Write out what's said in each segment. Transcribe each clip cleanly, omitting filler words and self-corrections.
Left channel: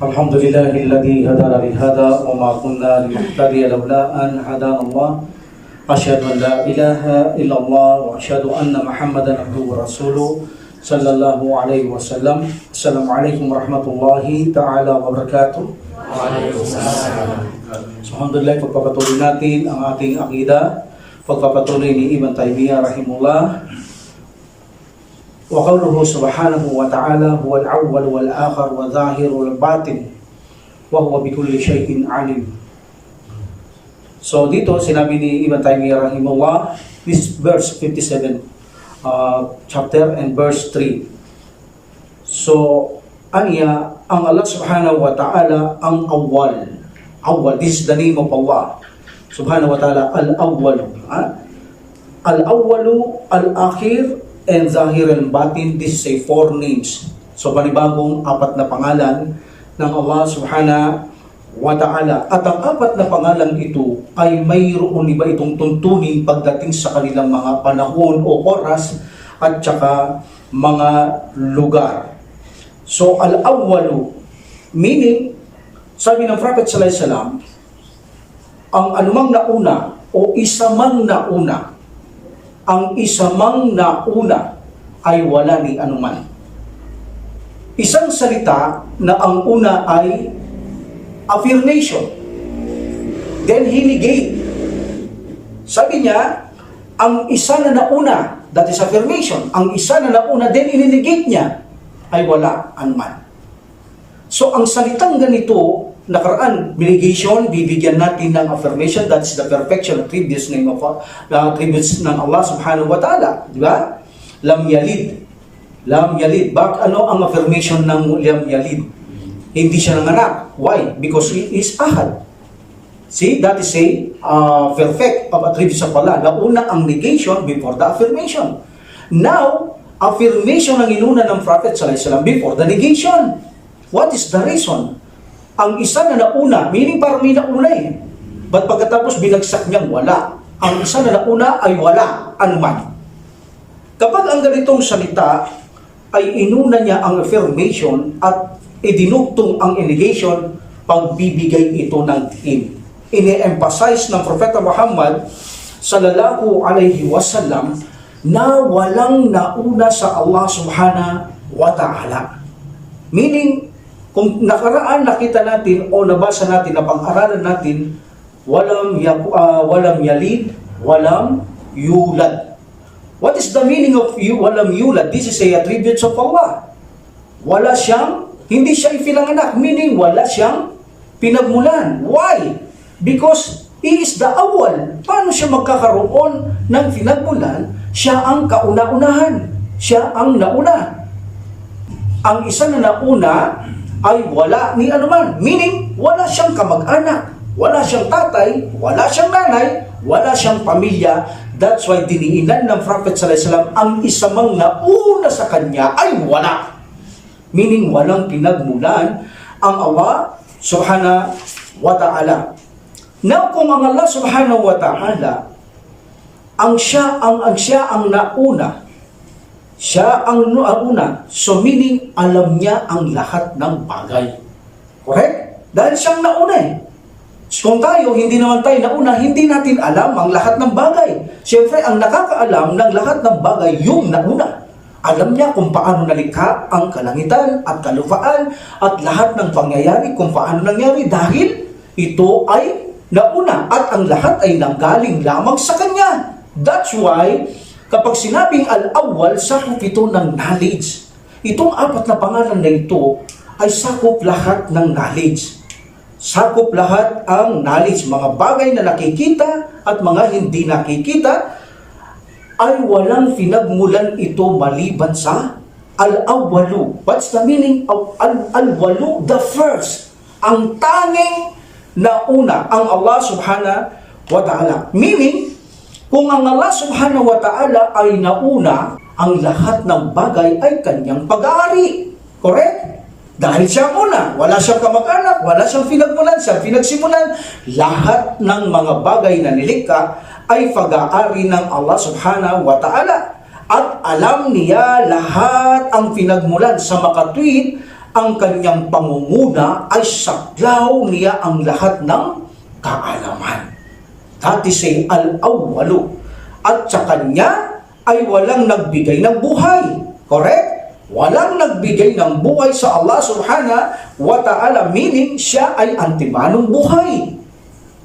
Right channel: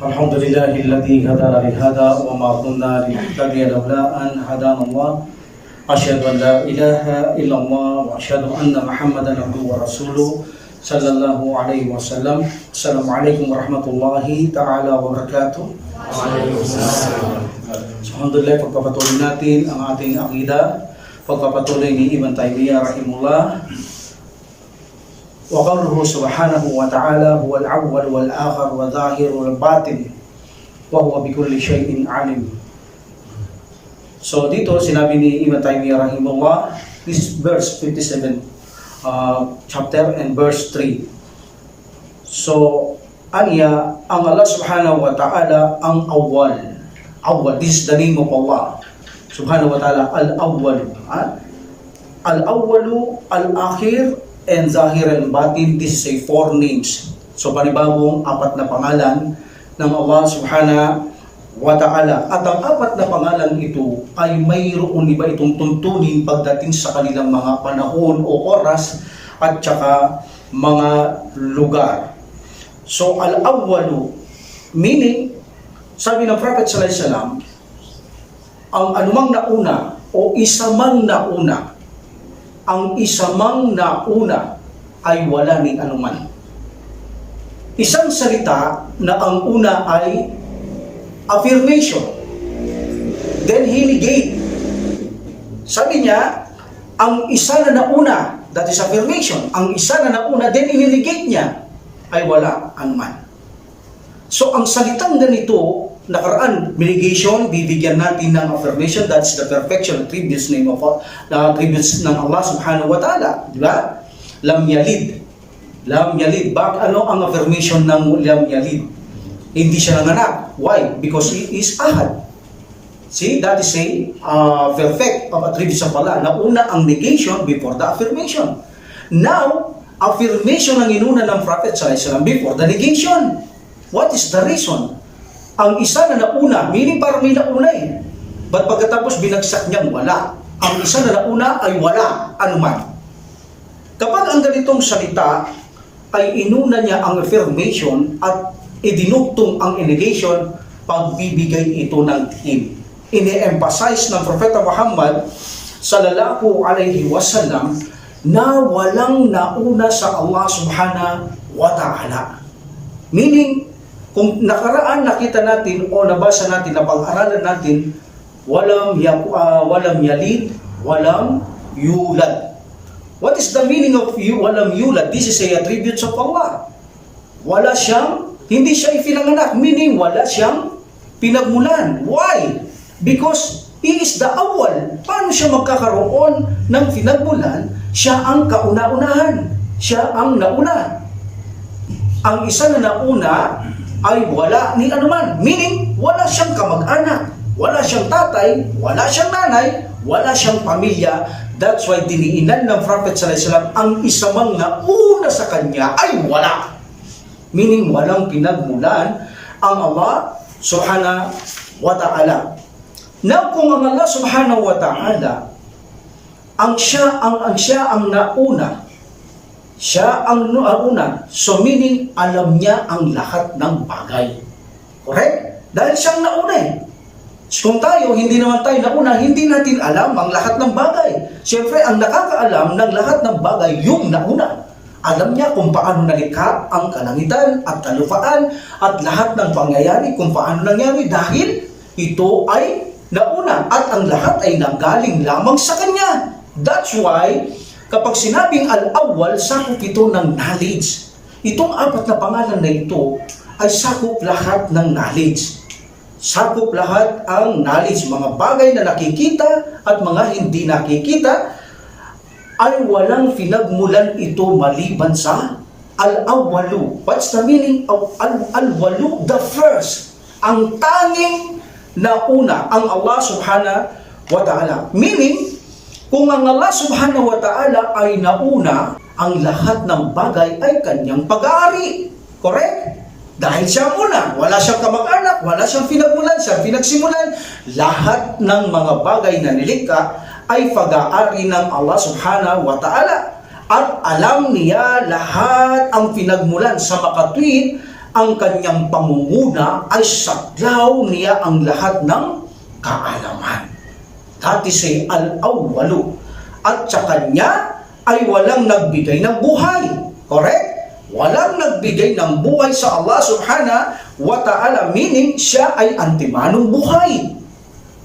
الحمد لله الذي هدانا لهذا وما كنا لنهتدي لولا أن هدانا الله أشهد أن لا إله إلا الله وأشهد أن محمدا عبده ورسوله صلى الله عليه وسلم. السلام عليكم ورحمة الله تعالى وبركاته. Alhamdulillah, pagpapatuloy natin ang ating akida, pagpapatuloy ni Ibn Taymiyyah rahimullah. Wa qawluhu subhanahu wa ta'ala huwa al-awwal wal-akhir wa dhahir wal-batin wa huwa bikulli shay'in alim. So dito sinabi ni Ibn Taymiyyah rahimullah, this verse 57 chapter and verse 3. So aniya ang Allah subhanahu wa ta'ala ang awwal. Awwal, this is the name of Allah subhanahu wa ta'ala, al-awwal. Al-awwalu, al-akhir, and Zahir and Batin. This is a 4 names. So panibagong 4 na pangalan ng Allah subhanahu wa ta'ala. At ang 4 na pangalan ito ay mayroon iba itong tuntunin pagdating sa kanilang mga panahon o oras at saka mga lugar. So al-awwalu, meaning sabi ng Prophet sallallahu alaihi wasallam, ang anumang nauna o isa mang nauna, ang isa mang nauna ay wala ni anuman. Isang salita na ang una ay affirmation. Then he negate. Sabi niya, ang isa na nauna, that is affirmation. Ang isa na nauna, then ininegate niya, ay wala anuman. So ang salitang ganito, nakaraan, negation, bibigyan natin ng affirmation, that's the perfection, attributes name of attributes ng Allah subhanahu wa ta'ala, di ba? Lam yalid. Lam yalid. Ano ang affirmation ng lam yalid? Hindi siya nanganak. Why? Because he is ahad. See, that is a perfect of attributes of Allah. Nauna ang negation before the affirmation. Now, affirmation ang inuna ng Prophet sallallahu alaihi wasallam before the negation. What is the reason? Ang isa na nauna, meaning parang may nauna eh. But pagkatapos binagsak niyang wala. Ang isa na nauna ay wala anuman. Kapag ang ganitong salita ay inuna niya ang affirmation at idinugtong ang negation, pagbibigay ito ng theme. Ini-emphasize ng Propeta Muhammad sallallahu alaihi wasallam na walang nauna sa Allah subhanahu wa ta'ala. Meaning, kung nakaraan nakita natin o nabasa natin na pag-aralan natin, walam yalid, walam yulad. What is the meaning of walam yulad? This is a attributes of Allah. Wala siyang, hindi siya ipinanganak, meaning wala siyang pinagmulan. Why? Because He is the awwal. Paano siya magkakaroon ng pinagmulan? Siya ang kauna-unahan. Siya ang nauna. Ang isa na nauna ay wala ni anuman. Meaning, wala siyang kamag-anak, wala siyang tatay, wala siyang nanay, wala siyang pamilya. That's why diniinan ng Prophet sallallahu alaihi wasallam ang isa mang nauna sa kanya ay wala. Meaning, walang pinagmulan ang Allah subhanahu wa ta'ala. Now, kung ang Allah subhanahu wa ta'ala ang siya ang nauna, siya ang nauna. So meaning, alam niya ang lahat ng bagay. Correct? Dahil siyang nauna eh. Kung tayo, hindi naman tayo nauna, hindi natin alam ang lahat ng bagay. Siyempre, ang nakakaalam ng lahat ng bagay, yung nauna. Alam niya kung paano nalikha ang kalangitan at kalupaan at lahat ng pangyayari kung paano nangyari dahil ito ay nauna at ang lahat ay nanggaling lamang sa Kanya. That's why, kapag sinabing al-awwal, sakop ito ng knowledge. Itong 4 na pangalan na ito ay sakop lahat ng knowledge. Sakop lahat ang knowledge. Mga bagay na nakikita at mga hindi nakikita ay walang pinagmulan ito maliban sa al-awwalu. What's the meaning of al-awwalu? The first. Ang tanging nauna, ang Allah subhanahu wa ta'ala. Meaning, kung ang Allah subhanahu wa ta'ala ay nauna, ang lahat ng bagay ay kanyang pag-aari. Correct? Dahil siya una, wala siyang kamag-anak, wala siyang pinagmulan, siyang pinagsimulan. Lahat ng mga bagay na nilikha ay pag-aari ng Allah subhanahu wa ta'ala. At alam niya lahat ang pinagmulan sa makatwid ang kanyang pangunguna ay saklaw niya ang lahat ng kaalaman. That is al-awwalu. At sa kanya ay walang nagbigay ng buhay. Correct? Walang nagbigay ng buhay sa Allah subhanahu wa ta'ala, meaning siya ay antimanong buhay.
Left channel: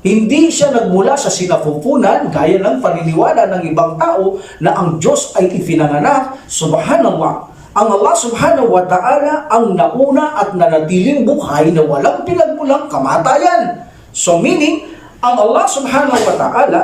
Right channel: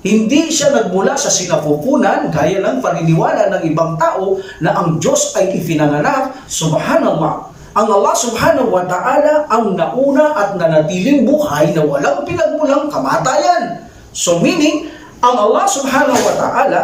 Hindi siya nagmula sa sinapupunan gaya ng paniniwala ng ibang tao na ang Diyos ay ipinanganak. Subhanallah. Ang Allah subhanahu wa ta'ala ang nauna at nanatiling buhay na walang pinagmulang kamatayan. So meaning, ang Allah subhanahu wa ta'ala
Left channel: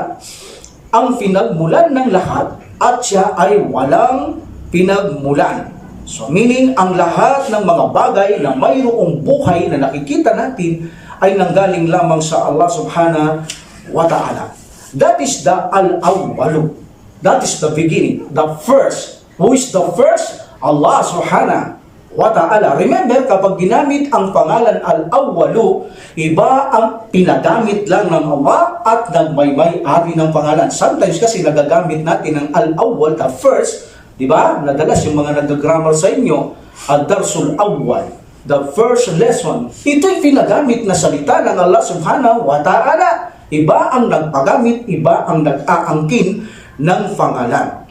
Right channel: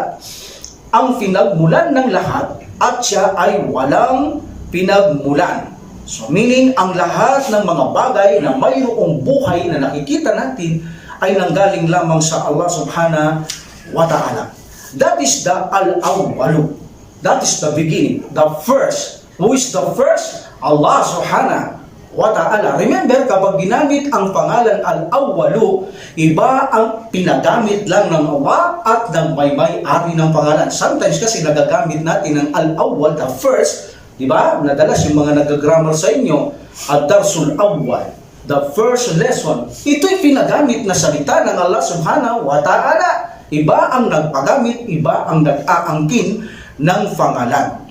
ang pinagmulan ng lahat at siya ay walang pinagmulan. So meaning, ang lahat ng mga bagay na mayroong buhay na nakikita natin ay nanggaling lamang sa Allah subhanahu wa ta'ala. That is the al-awwalu. That is the beginning, the first. Who is the first? Allah subhanahu wa ta'ala. Remember, kapag ginamit ang pangalan al-awwalu, iba ang pinagamit lang ng Allah at ng may-ari ng pangalan. Sometimes kasi nagagamit natin ang al-awwal, the first, di ba? Nadalas yung mga nag-grammar sa inyo, ad-darsul awwal, the first lesson. Ito'y pinagamit na salita ng Allah subhanahu wa ta'ala. Iba ang nagpagamit, iba ang nag-aangkin ng pangalan.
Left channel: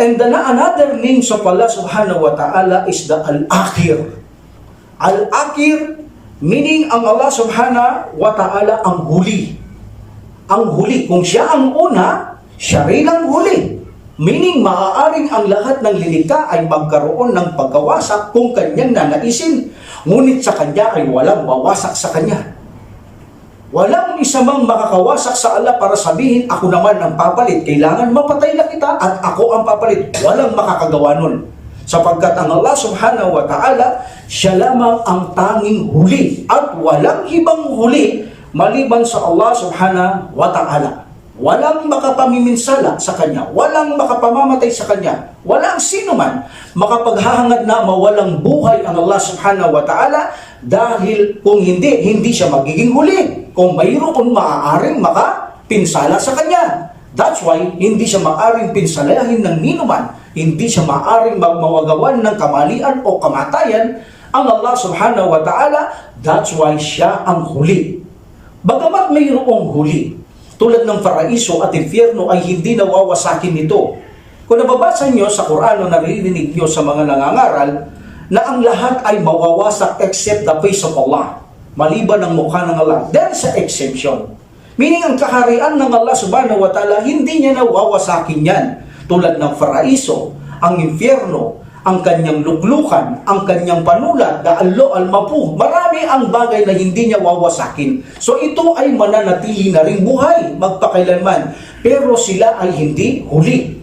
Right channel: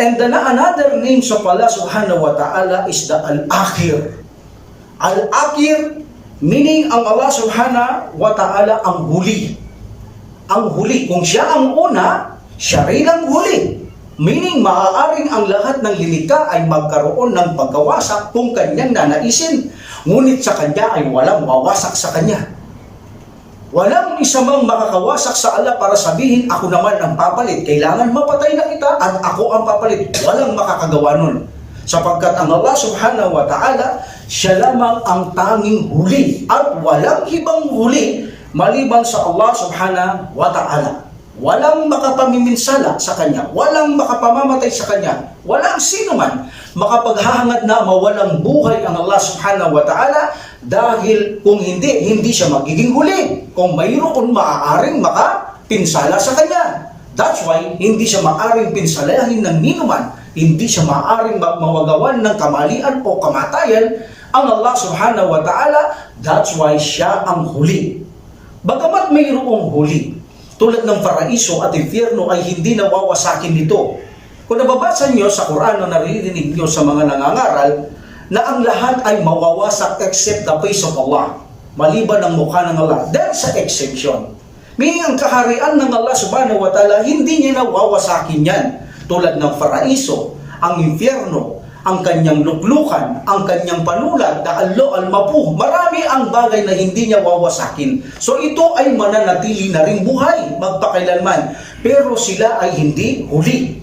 And then another name of Allah subhanahu wa ta'ala is the Al-Akhir. Al-Akhir, meaning ang Allah subhanahu wa ta'ala ang huli. Ang huli. Kung siya ang una, siya rin ang huli. Meaning, maaaring ang lahat ng linika ay magkaroon ng pagkawasak kung kanyang nanaisin. Ngunit sa kanya ay walang wawasak sa kanya. Walang isa mang makakawasak sa Allah para sabihin, ako naman ang papalit. Kailangan mapatay na kita at ako ang papalit. Walang makakagawa nun. Sapagkat ang Allah subhanahu wa ta'ala, siya lamang ang tanging huli. At walang ibang huli maliban sa Allah subhanahu wa ta'ala. Walang makapamiminsala sa kanya. Walang makapamamatay sa kanya. Walang sino man makapaghahangad na mawalang buhay ang Allah subhanahu wa ta'ala, dahil kung hindi siya magiging huli. Kung mayroon maaaring makapinsala sa kanya. That's why hindi siya maaaring pinsalahin ng ninuman. Hindi siya maaaring mawagawan ng kamalian o kamatayan ang Allah subhanahu wa ta'ala. That's why siya ang huli. Bagamat mayroong huli, tulad ng paraiso at impyerno, ay hindi nawawasakin nito. Kung nababasa nyo sa Quran o naririnig nyo sa mga nangangaral na ang lahat ay mawawasak except the face of Allah, maliban ang mukha ng Allah, dahil sa exemption. Meaning, ang kaharian ng Allah subhanahu wa ta'ala, hindi niya nawawasakin yan. Tulad ng paraiso, ang impyerno, ang kanyang luklukan, ang kanyang panulat, daallo, almapu, marami ang bagay na hindi niya wawasakin. So ito ay mananatili na ring buhay, magpakailanman. Pero sila ay hindi huli.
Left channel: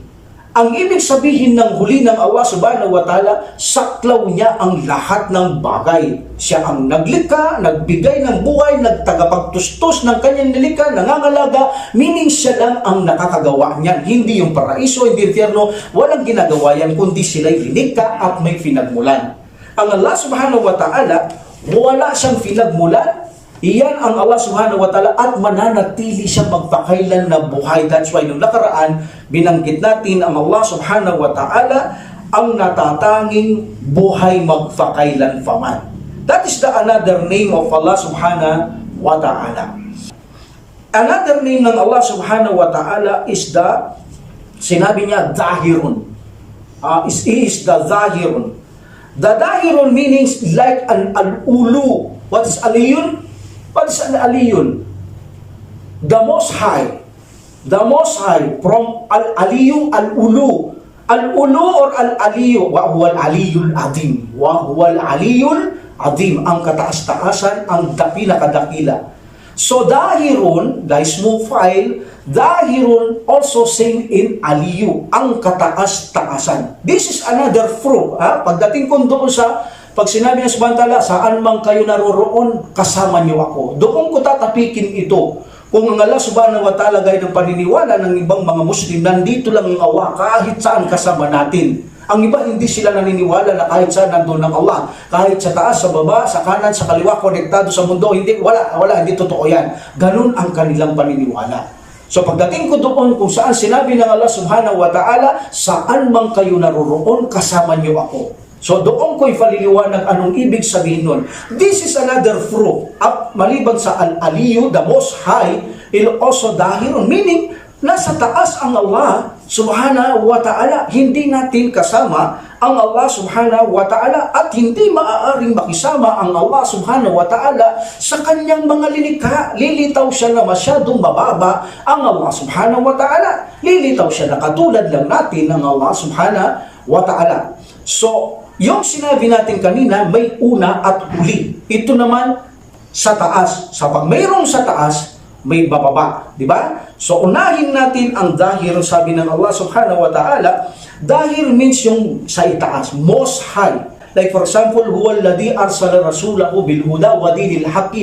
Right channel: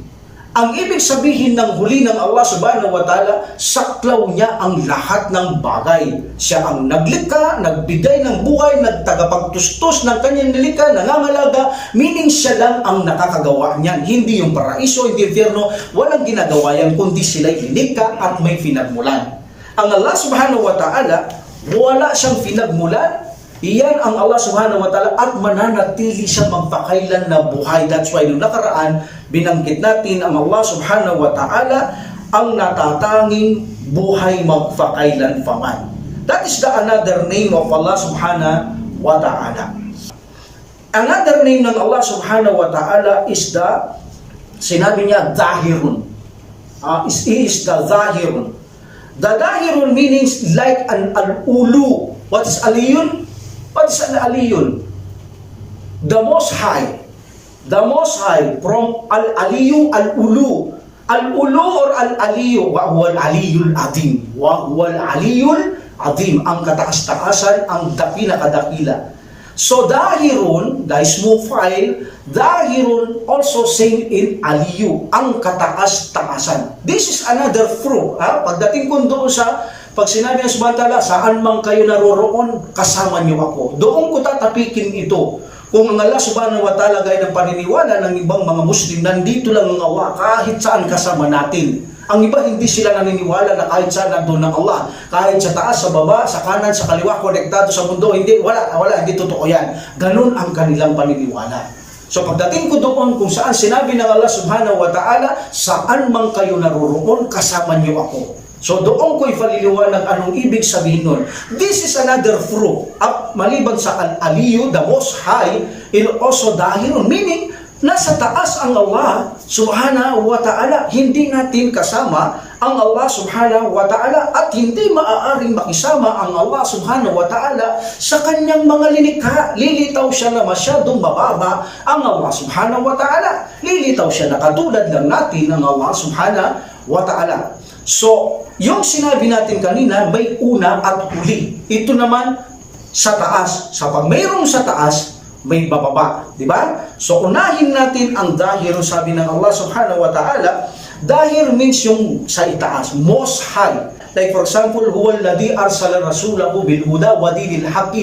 Ang ibig sabihin ng huli ng Allah subhanahu wa ta'ala, saklaw niya ang lahat ng bagay. Siya ang naglikha, nagbigay ng buhay, nagtagapagtustos ng kanyang nilikha, nangangalaga, meaning siya lang ang nakakagawa niyan. Hindi yung paraiso, hindi impyerno, walang ginagawa yan, kundi sila'y linikha at may pinagmulan. Ang Allah subhanahu wa ta'ala, wala siyang pinagmulan. Iyan ang Allah subhanahu wa ta'ala at mananatili siya magpakailan na buhay. That's why nung nakaraan, binanggit natin ang Allah subhanahu wa ta'ala ang natatanging buhay magpakailan paman. That is the another name of Allah subhanahu wa ta'ala. Another name ng Allah subhanahu wa ta'ala is the, sinabi niya, Zahirun. He is the Zahirun. The Zahirun means like an al-ulu. What is aliyun? What is an aliyun? The Most High. The Most High. From al-aliyu, al-ulu. Al-ulu or al-aliyu. Wa huwa al-aliyul adim. Wa huwa al-aliyul adim. Ang kataas-taasan, ang pinakadakila. So, dahirun, the small file, dahirun also same in aliyu. Ang kataas-taasan. This is another proof. Pagdating ko doon sa pag sinabi ng subhanahu wa ta'ala, saan man kayo naroroon, kasama niyo ako. Doon ko tatapikin ito. Kung ang Allah subhanahu wa ta'ala gaya ng paniniwala ng ibang mga Muslim, nandito lang ang Allah, kahit saan kasama natin. Ang iba hindi sila naniniwala na kahit saan nandun ang Allah. Kahit sa taas, sa baba, sa kanan, sa kaliwa, konektado sa mundo, hindi, wala, hindi totoo yan. Ganun ang kanilang paniniwala. So pagdating ko doon kung saan sinabi ng Allah subhanahu wa ta'ala, saan man kayo naroroon, kasama niyo ako. So doon ko'y paliliwanag anong ibig sabihin nun. This is another proof. Maliban sa Al-Aliyu, the Most High, also dahil, meaning, nasa taas ang Allah subhanahu wa ta'ala. Hindi natin kasama ang Allah subhanahu wa ta'ala at hindi maaaring makisama ang Allah subhanahu wa ta'ala sa kanyang mga lilikha. Lilitaw siya na masyadong mababa ang Allah subhanahu wa ta'ala. Lilitaw siya na katulad lang natin ang Allah subhanahu wa ta'ala. So, yung sinabi natin kanina, may una at huli. Ito naman sa taas. Sa pag mayroong sa taas, may bababa. Diba? So, unahin natin ang dahir, sabi ng Allah subhanahu wa ta'ala. Dahir means yung sa itaas, most high. Like for example, huwa alladhi arsala rasulahu bil huda wa dinil haqqi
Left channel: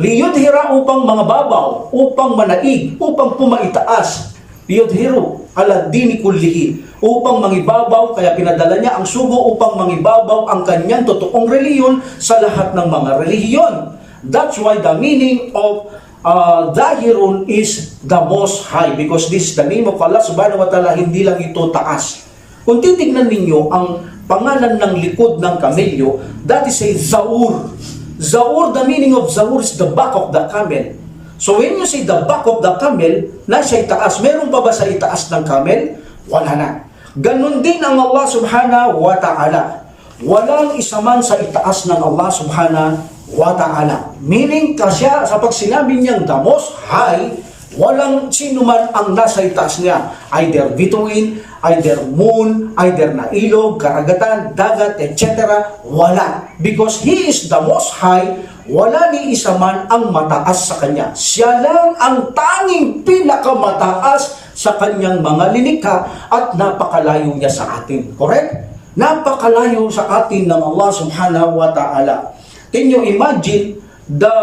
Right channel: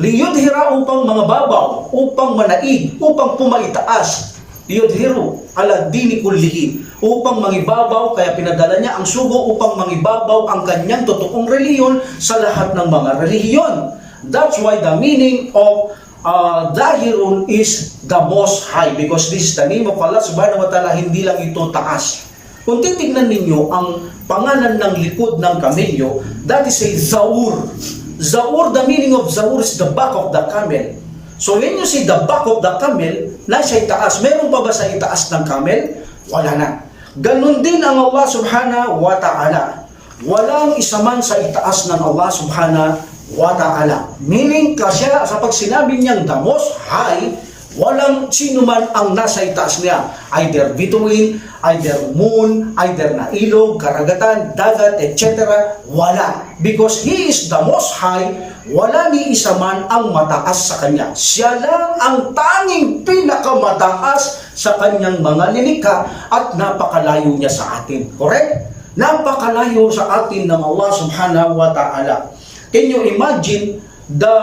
liyudhira upang mga babaw, upang manaig, upang pumaitaas. Liyudhiru ala dini kullihi, upang mangibabaw, kaya pinadala niya ang sugo upang mangibabaw ang kanyang totoong reliyon sa lahat ng mga relihiyon. That's why the meaning of Dahirun is the Most High, because this is the name of Allah subhanahu wa ta'ala. Hindi lang ito taas. Kung titignan ninyo ang pangalan ng likod ng kamelyo, that is a Zaur. Zaur, the meaning of Zaur is the back of the camel. So when you say the back of the camel, nasa itaas. Meron pa ba sa itaas ng camel? Wala na. Ganon din ang Allah subhanahu wa ta'ala. Walang isa man sa itaas ng Allah subhanahu wa ta'ala. Meaning, kasya sa pag sinabi niyang the Most High, walang sino man ang nasa itaas niya. Either bituin, either moon, either na ilog, karagatan, dagat, etc. Wala. Because He is the Most High, wala ni isa man ang mataas sa Kanya. Siya lang ang tanging pinakamataas sa Kanyang mga linikha at napakalayo niya sa atin. Correct? Napakalayo sa atin ng Allah subhanahu wa ta'ala. Can you imagine the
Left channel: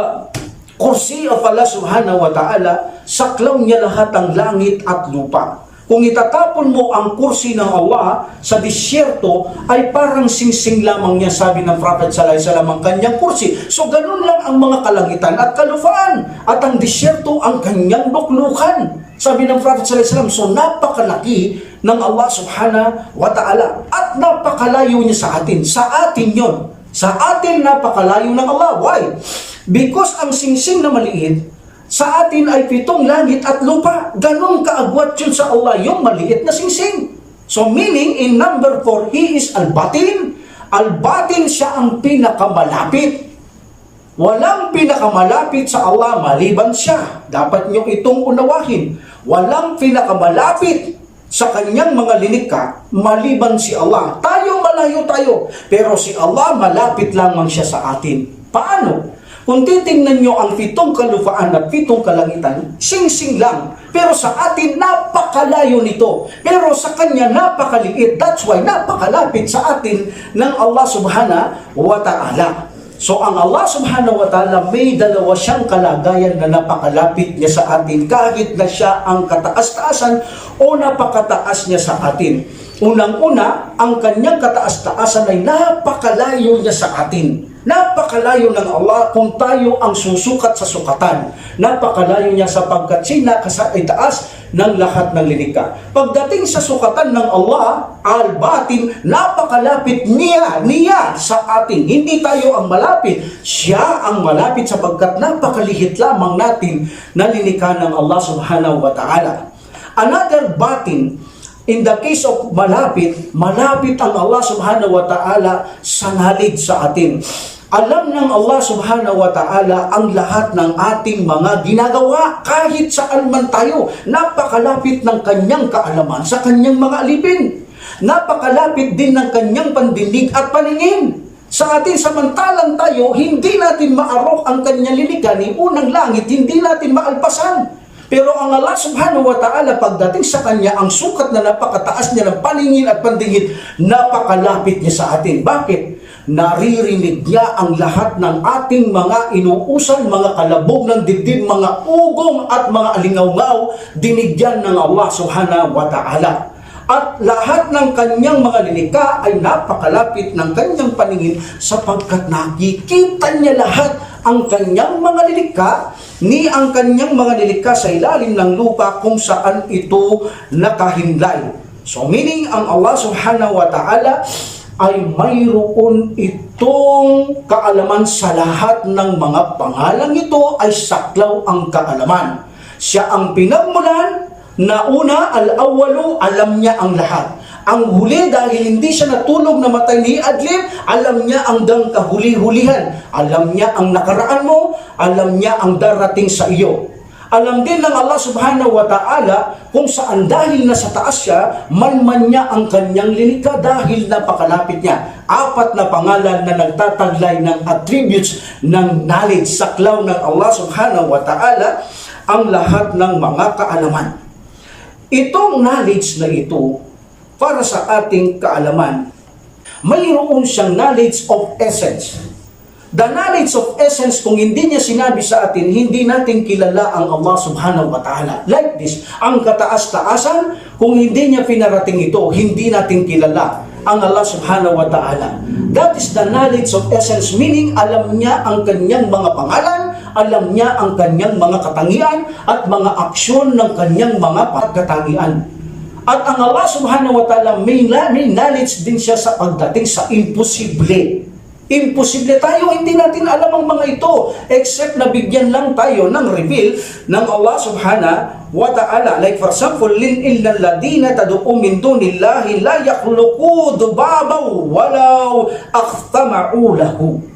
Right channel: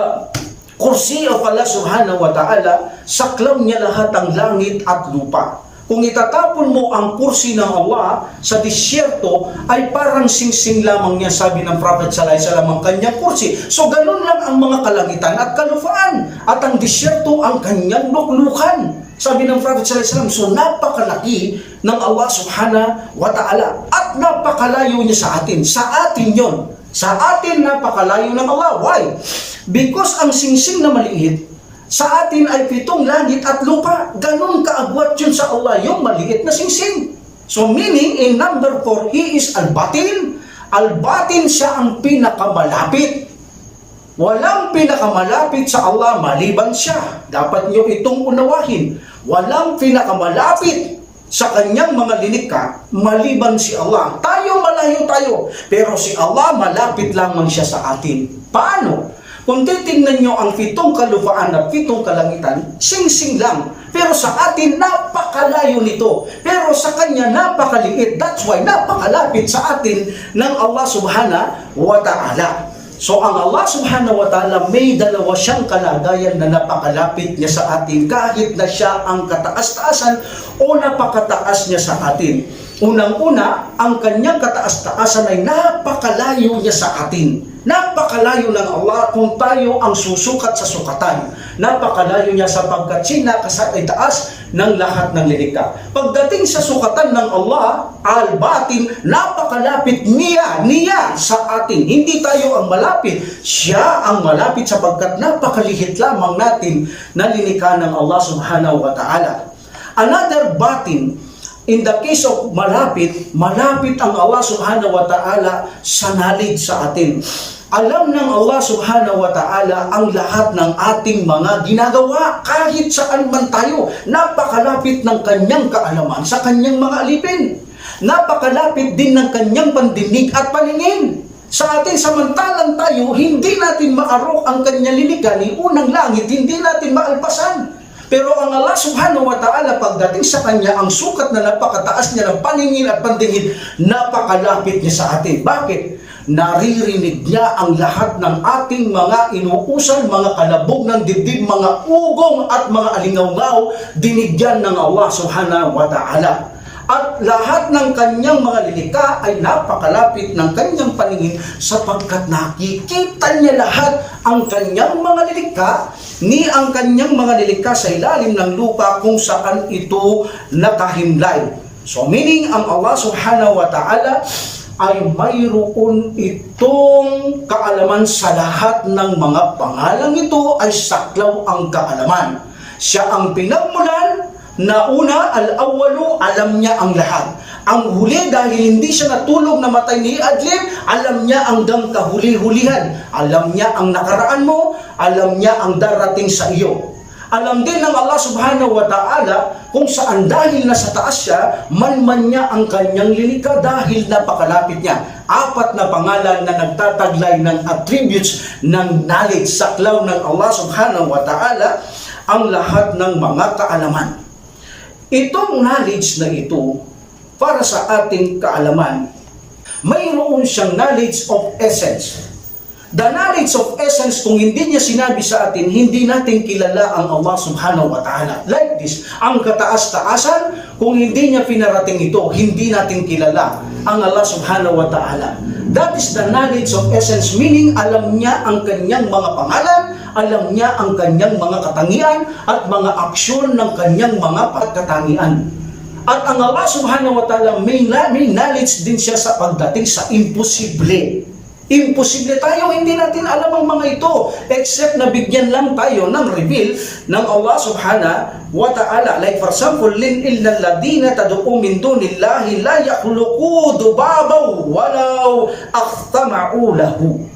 kursi of Allah subhanahu wa ta'ala, saklaw niya lahat ang langit at lupa. Kung itatapon mo ang kursi ng Allah sa disyerto, ay parang singsing lamang niya, sabi ng Prophet sallallahu alaihi wasallam, ang kanyang kursi. So ganun lang ang mga kalangitan at kalupaan, at ang disyerto ang kanyang luklukan. Sabi ng Prophet sallallahu alaihi wasallam, so napakalaki ng Allah subhanahu wa ta'ala at napakalayo niya sa atin. Sa atin yon. Sa atin, napakalayo ng Allah. Why? Because ang singsing na maliit, sa atin ay 7 langit at lupa. Ganon kaagwat yun sa Allah, yung maliit na singsing. So meaning, in number 4, He is Al-Batin. Al-Batin, siya ang pinakamalapit. Walang pinakamalapit sa Allah maliban siya. Dapat nyo itong unawahin. Walang pinakamalapit sa kanyang mga linikha maliban si Allah. Tayo malayo tayo, pero si Allah malapit lamang siya sa atin. Paano? Kung titingnan nyo ang 7 kalupaan at 7 kalangitan, sing-sing lang. Pero sa atin, napakalayo nito. Pero sa kanya, napakaliit. That's why napakalapit sa atin ng Allah subhanahu wa ta'ala. So ang Allah subhanahu wa ta'ala, may dalawa siyang kalagayan na napakalapit niya sa atin kahit na siya ang kataas-taasan o napakataas niya sa atin. Unang-una, ang kanyang kataas-taasan ay napakalayo niya sa atin. Napakalayo ng Allah kung tayo ang susukat sa sukatan. Napakalayo niya sapagkat siya itaas ng lahat ng lilikha. Pagdating sa sukatan ng Allah, Al-Batin, napakalapit niya sa atin. Hindi tayo ang malapit, siya ang malapit sapagkat napakalihit lamang natin na lilikha ng Allah subhanahu wa ta'ala. Another batin, in the case of malapit ang Allah subhanahu wa ta'ala sa knowledge sa atin. Alam ng Allah subhanahu wa ta'ala ang lahat ng ating mga ginagawa kahit saan man tayo. Napakalapit ng kanyang kaalaman sa kanyang mga alipin. Napakalapit din ng kanyang pandinig at paningin. Sa atin, samantalang tayo, hindi natin maarok ang kanyang lilikha ni unang langit, hindi natin maalpasan. Pero ang Allah subhanahu wa ta'ala, pagdating sa kanya, ang sukat na napakataas niya ng paningin at pandingin, napakalapit niya sa atin. Bakit? Naririnig niya ang lahat ng ating mga inuusan, mga kalabog ng dibdib, mga ugong at mga alingaw-ngaw, dinigyan ng Allah subhanahu wa ta'ala. At lahat ng kanyang mga lilikha ay napakalapit ng kanyang paningin sapagkat nakikita niya lahat ang kanyang mga lilikha ni ang kanyang mga lilikha sa ilalim ng lupa kung saan ito nakahimlay. So meaning ang Allah subhanahu wa ta'ala ay mayroon itong kaalaman sa lahat ng mga pangalang ito ay saklaw ang kaalaman. Siya ang pinagmulan na una, al-awwalu, alam niya ang lahat. Ang huli, dahil hindi siya natulog na matay ni Adlib, alam niya hanggang kahuli-hulihan. Alam niya ang nakaraan mo, alam niya ang darating sa iyo. Alam din ng Allah subhanahu wa ta'ala kung saan dahil nasa taas siya, man niya ang kanyang linika dahil napakalapit niya. 4 na pangalan na nagtataglay ng attributes ng knowledge, saklaw ng Allah subhanahu wa ta'ala, ang lahat ng mga kaalaman. Itong knowledge na ito, para sa ating kaalaman, mayroon siyang knowledge of essence. The knowledge of essence, kung hindi niya sinabi sa atin, hindi natin kilala ang Allah subhanahu wa ta'ala. Like this, ang kataas-taasan, kung hindi niya pinarating ito, hindi natin kilala ang Allah subhanahu wa ta'ala. That is the knowledge of essence, meaning alam niya ang kanyang mga pangalan, alam niya ang kanyang mga katangian, at mga aksyon ng kanyang mga pagkatangian. At ang Allah subhanahu wa ta'ala, may knowledge din siya sa pagdating sa imposible. Imposible tayo, hindi natin alam ang mga ito except na bigyan lang tayo ng reveal ng Allah subhanahu wa ta'ala. Like for example, innal ladina tad'u min dunillahi la yakhluqu dubabaw walau aqtama'u lahu.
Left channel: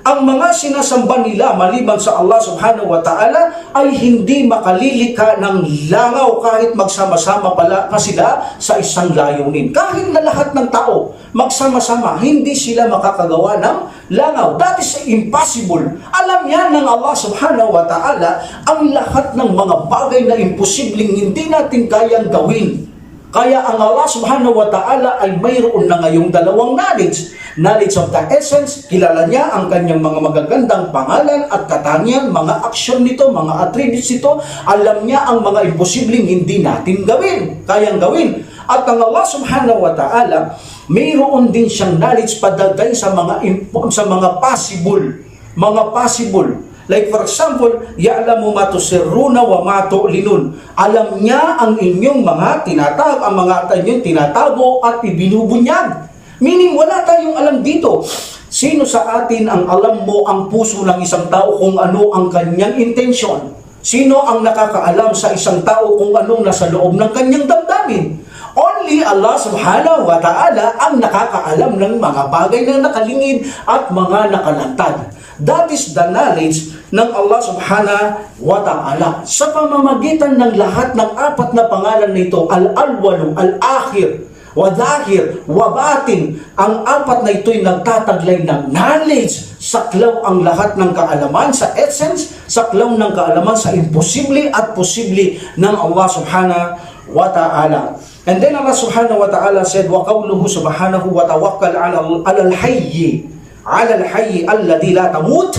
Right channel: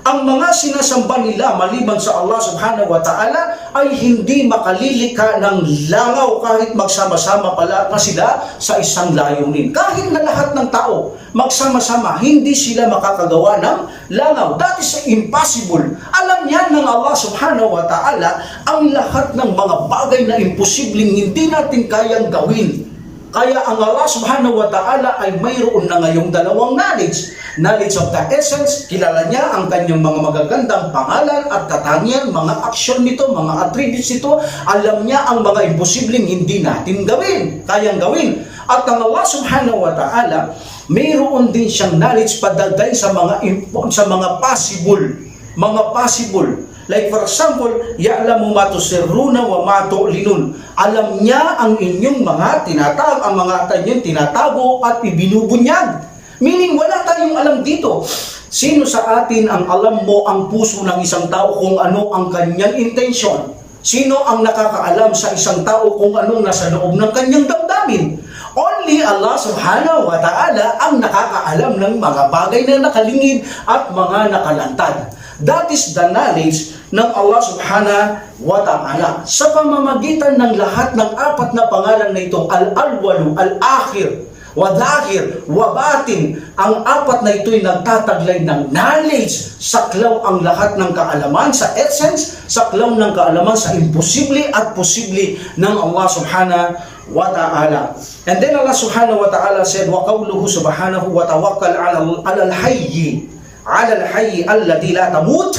Ang mga sinasamba nila maliban sa Allah subhanahu wa ta'ala ay hindi makalilika ng langaw kahit magsama-sama pala na sila sa isang layunin. Kahit na lahat ng tao magsama-sama, hindi sila makakagawa ng langaw. That is impossible. Alam yan ng Allah subhanahu wa ta'ala ang lahat ng mga bagay na imposibleng hindi natin kayang gawin. Kaya ang Allah subhanahu wa ta'ala ay mayroon na ngayong dalawang knowledge. Knowledge of the essence, kilala niya ang kanyang mga magagandang pangalan at katangian, mga aksyon nito, mga attributes nito. Alam niya ang mga imposibleng hindi natin gawin, kayang gawin. At ang Allah subhanahu wa ta'ala, mayroon din siyang knowledge padagday sa mga possible. Like for example, ya'lamu ma tusirruna wa ma tu'linun. Alam niya ang inyong mga tinatago at ibinubunyag. Meaning, wala tayong alam dito. Sino sa atin ang alam mo ang puso ng isang tao kung ano ang kanyang intensyon? Sino ang nakakaalam sa isang tao kung anong nasa loob ng kanyang damdamin? Only Allah subhanahu wa ta'ala ang nakakaalam ng mga bagay na nakalingid at mga nakalantad. That is the knowledge ng Allah subhanahu wa ta'ala. Sa pamamagitan ng lahat ng 4 na pangalan na ito, al-awwalu, al-akhir, wadahir, wabatin, ang 4 na ito'y nagtataglay ng knowledge. Saklaw ang lahat ng kaalaman sa essence, saklaw ng kaalaman sa imposible at posible ng Allah subhanahu wa ta'ala. And then Allah subhanahu wa ta'ala said, wa qawluhu subhanahu wa tawakkal alal hayyi alladhi la tamut.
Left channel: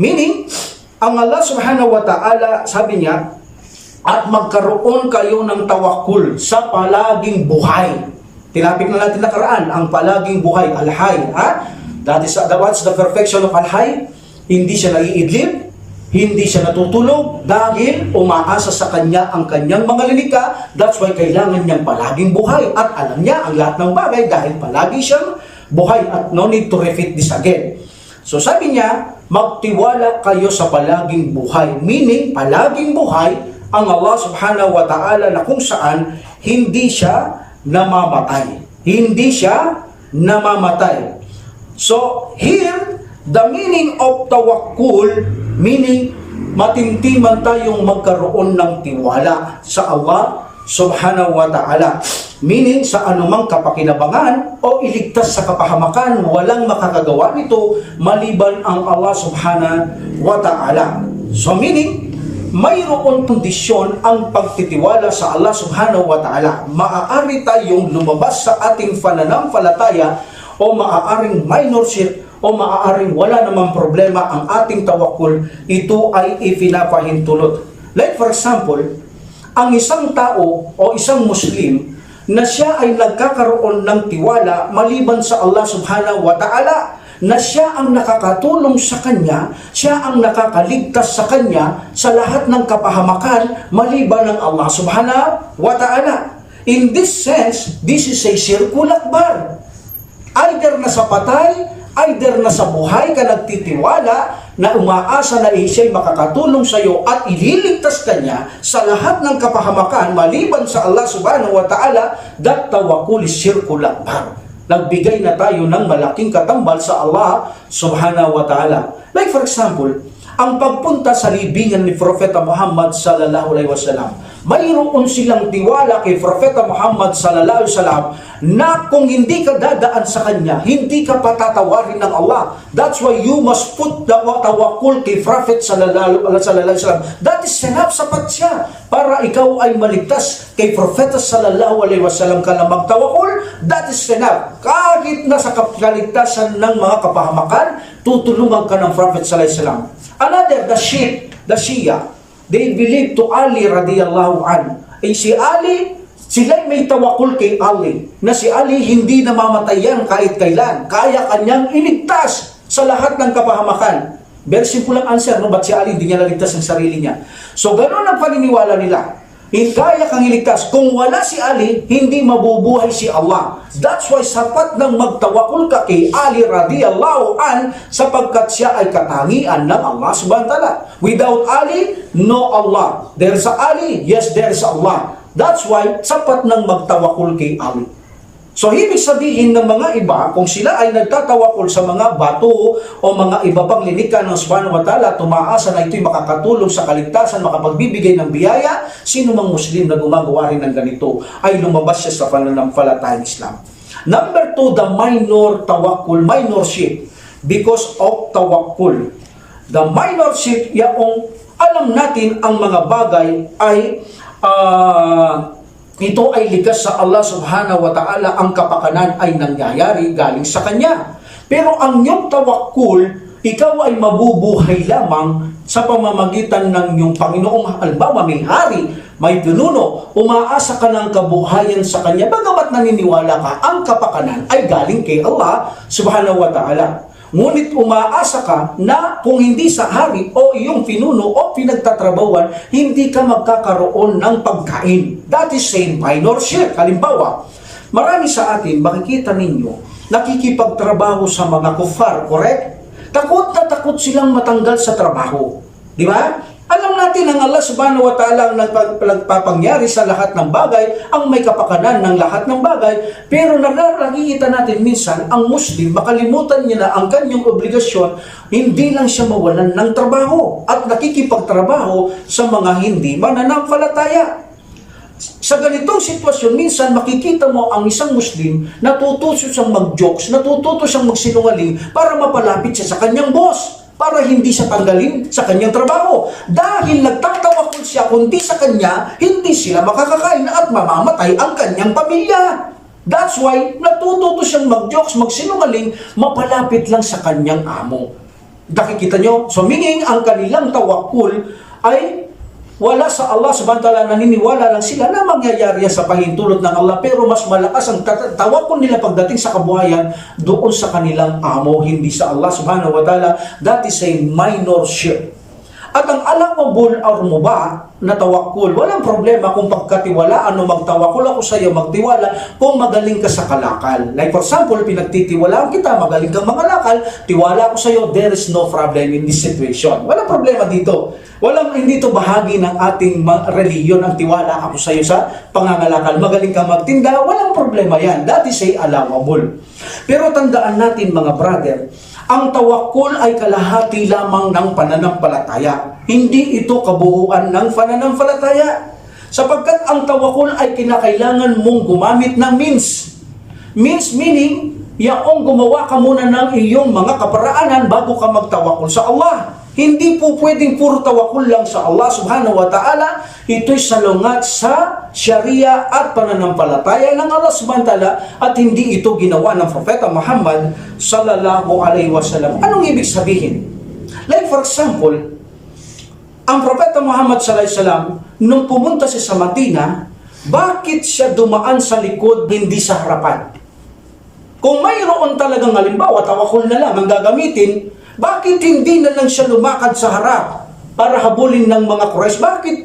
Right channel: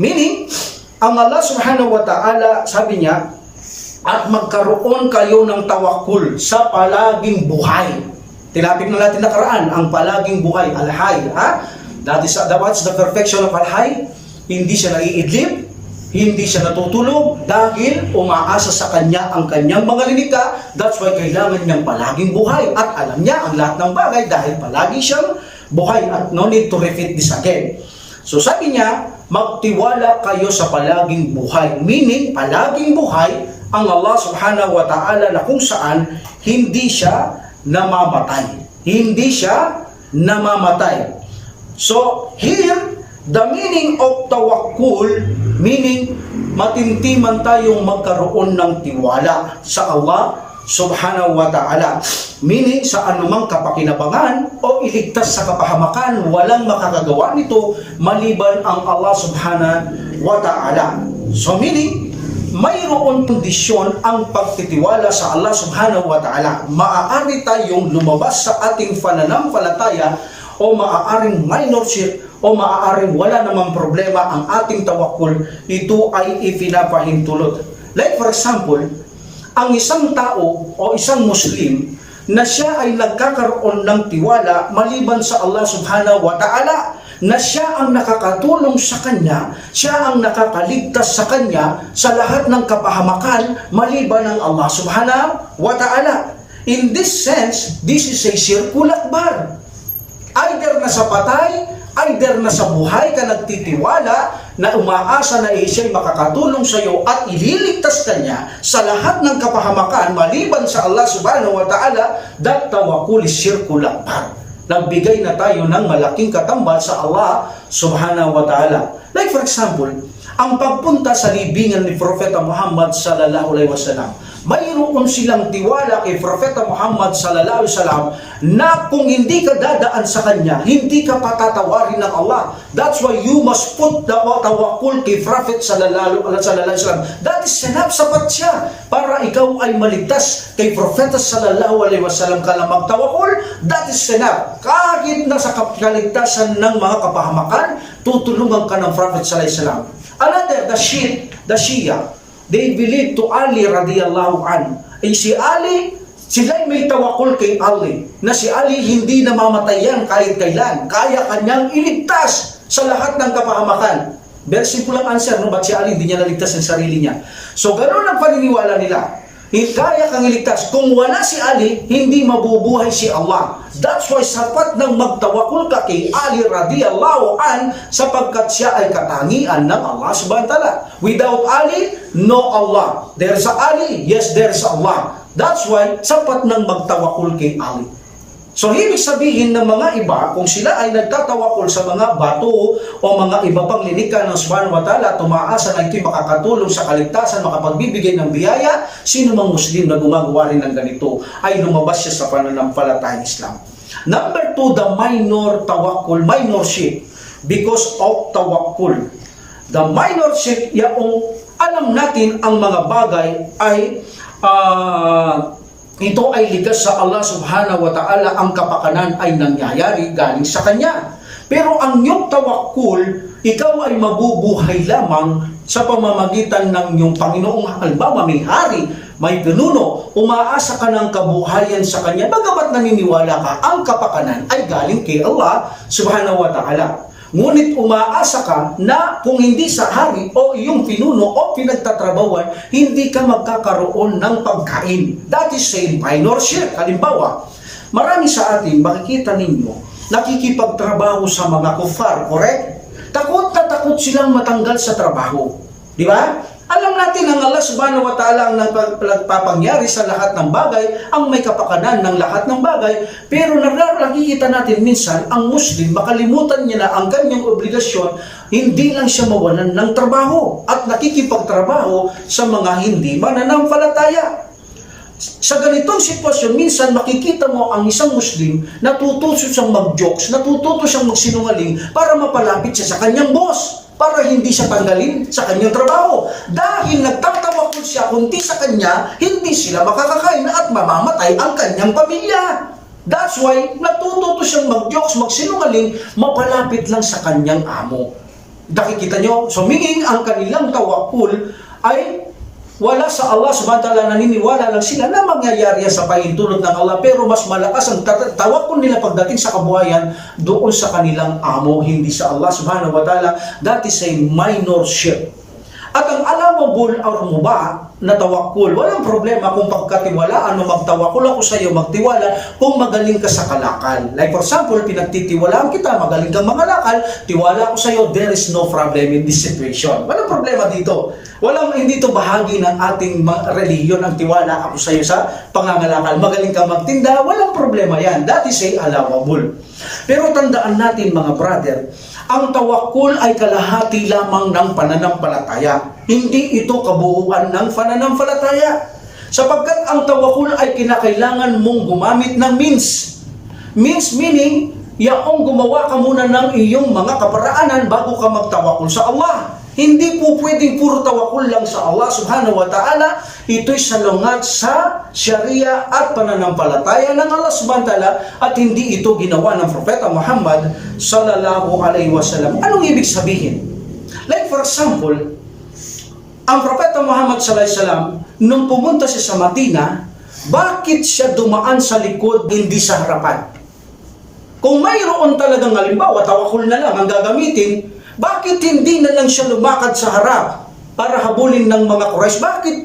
Meaning, ang Allah subhanahu wa ta'ala, sabi niya, at magkaroon kayo ng tawakkul sa palaging buhay. Tinapik na natin nakaraan, ang palaging buhay, al-hayy. What's the perfection of al-hayy? Hindi siya naiidlip, hindi siya natutulog dahil umaasa sa kanya ang kanyang mga linika. That's why kailangan niyang palaging buhay. At alam niya ang lahat ng bagay dahil palagi siyang buhay. At no need to repeat this again. So sabi niya, magtiwala kayo sa palaging buhay. Meaning, palaging buhay ang Allah subhanahu wa ta'ala na kung saan hindi siya namamatay. Hindi siya namamatay. So, here, the meaning of tawakkul, meaning matintiman tayong magkaroon ng tiwala sa Allah subhanahu wa ta'ala. Meaning, sa anumang kapakinabangan o iligtas sa kapahamakan, walang makakagawa nito maliban ang Allah subhanahu wa ta'ala. So, meaning, mayroon kondisyon ang pagtitiwala sa Allah subhanahu wa ta'ala. Maaari tayong lumabas sa ating pananampalataya o maaaring minor shirk o maaaring wala namang problema ang ating tawakkul. Ito ay ipinapahintulot. Like for example, ang isang tao o isang Muslim na siya ay nagkakaroon ng tiwala maliban sa Allah subhanahu wa ta'ala, na siya ang nakakatulong sa kanya, siya ang nakakaligtas sa kanya sa lahat ng kapahamakan maliban ng Allah subhanahu wa ta'ala. In this sense, this is a shirkul akbar. Either nasa patay, either nasa buhay ka nagtitiwala na umaasa na siya'y makakatulong sa iyo at ililigtas ka niya sa lahat ng kapahamakan maliban sa Allah subhanahu wa ta'ala, that tawakkul is shirkul akbar. Nagbigay na tayo ng malaking katambal sa Allah subhanahu wa ta'ala. Like for example, ang pagpunta sa libingan ni Propeta Muhammad sallallahu alaihi wasallam, mayroon silang tiwala kay Propeta Muhammad sallallahu alaihi wasallam na kung hindi ka dadaan sa kanya, hindi ka patatawarin ng Allah. That's why you must put the tawakkul kay Prophet sallallahu alaihi wasallam. That is enough, sapat siya para ikaw ay maligtas kay Propeta sallallahu alaihi wasallam ka lang magtawakkul. That is enough. Kahit nasa kaligtasan ng mga kapahamakan, tutulungan ka ng Prophet sallallahu alaihi wasallam. Another, the Shia, they believe to Ali radiyallahu an. Si Ali, sila'y may tawakul kay Ali, na si Ali hindi namamatay yan kahit kailan. Kaya kanyang iligtas sa lahat ng kapahamakan. Very simple ang answer, no? Ba't si Ali hindi niya naligtas ang sarili niya? So, ganoon ang paniniwala nila. Kaya kang iligtas. Kung wala si Ali, hindi mabubuhay si Allah. That's why sapat nang magtawakul ka kay Ali radiyallahu an sapagkat siya ay katangian ng Allah subhanahu wa ta'ala. Without Ali, no Allah. There's a Ali, yes, there's Allah. That's why sapat nang magtawakul kay Ali. So, ibig sabihin ng mga iba, kung sila ay nagtatawakul sa mga bato o mga iba pang linika ng subhanahu wa ta'ala, tumaasa na ito'y makakatulong sa kaligtasan, makapagbibigay ng biyaya, sino mang Muslim na gumagawa rin ng ganito ay lumabas siya sa pananampalatayang Islam. Number 2, the minor tawakkul, minorship, because of tawakkul. The minorship, yung alam natin ang mga bagay ay ito ay likas sa Allah subhanahu wa ta'ala, ang kapakanan ay nangyayari galing sa Kanya. Pero ang iyong tawakkul, ikaw ay mabubuhay lamang sa pamamagitan ng iyong Panginoong. Halimbawa, may hari, may pinuno, umaasa ka ng kabuhayan sa Kanya, bagamat naniniwala ka, ang kapakanan ay galing kay Allah subhanahu wa ta'ala. Ngunit umaasa ka na kung hindi sa hari o iyong pinuno o pinagtatrabawan, hindi ka magkakaroon ng pagkain. That is a minor shirk. Halimbawa, marami sa atin, makikita ninyo, nakikipagtrabaho sa mga kufar, correct? Takot na takot silang matanggal sa trabaho. Di ba? Alam natin ang Allah subhanahu wa ta'ala ang nagpapangyari sa lahat ng bagay, ang may kapakanan ng lahat ng bagay, pero nakikita natin minsan ang Muslim, makalimutan niya na ang kanyang obligasyon, hindi lang siya mawalan ng trabaho at nakikipagtrabaho sa mga hindi mananampalataya. Sa ganitong sitwasyon, minsan makikita mo ang isang Muslim natututo siyang mag-jokes, natututo siyang magsinungaling para mapalapit siya sa kanyang boss, para hindi siya tanggalin sa kanyang trabaho. Dahil nagtatawakul siya, kundi sa kanya, hindi sila makakakain at mamamatay ang kanyang pamilya. That's why, natututo siyang mag-jokes, magsinungaling, mapalapit lang sa kanyang amo. Nakikita nyo? So, meaning, ang kanilang tawakul ay wala sa Allah subhanahu wa ta'ala, naniniwala lang sila na mangyayari sa pahintulot ng Allah, pero mas malakas ang tawakkul nila pagdating sa kabuhayan doon sa kanilang amo, hindi sa Allah subhanahu wa ta'ala. That is a minor shirk. At ang allowable or mubah na tawakkul, walang problema kung pagkatiwalaan o magtawakkul ako sa iyo, magtiwala kung magaling ka sa kalakal. Like for example, pinagtitiwalaan kita, magaling kang mangalakal, tiwala ako sa iyo, there is no problem in this situation. Walang problema dito. Hindi ito bahagi ng ating reliyon ang tiwala ako sa iyo sa pangangalakal. Magaling kang magtinda, walang problema yan. That is a allowable. Pero tandaan natin mga brother, ang tawakkul ay kalahati lamang ng pananampalataya. Hindi ito kabuuan ng pananampalataya. Sapagkat ang tawakkul ay kinakailangan mong gumamit ng means. Means meaning, yaong gumawa ka muna ng iyong mga kaparaanan bago ka magtawakkul sa Allah. Hindi po pwedeng puro tawakkul lang sa Allah subhanahu wa ta'ala. Ito'y salungat sa Sharia at pananampalataya ng Allah subhanahu wa ta'ala, at hindi ito ginawa ng Propeta Muhammad sallallahu alaihi wasallam. Anong ibig sabihin? Like for example, ang Propeta Muhammad sallallahu alaihi wasallam, nung pumunta siya sa Madina, bakit siya dumaan sa likod, hindi sa harapan? Kung mayroon talagang halimbawa, tawakkul na lang ang gagamitin, bakit hindi na lang siya lumakad sa harap para habulin ng mga Quraysh? Bakit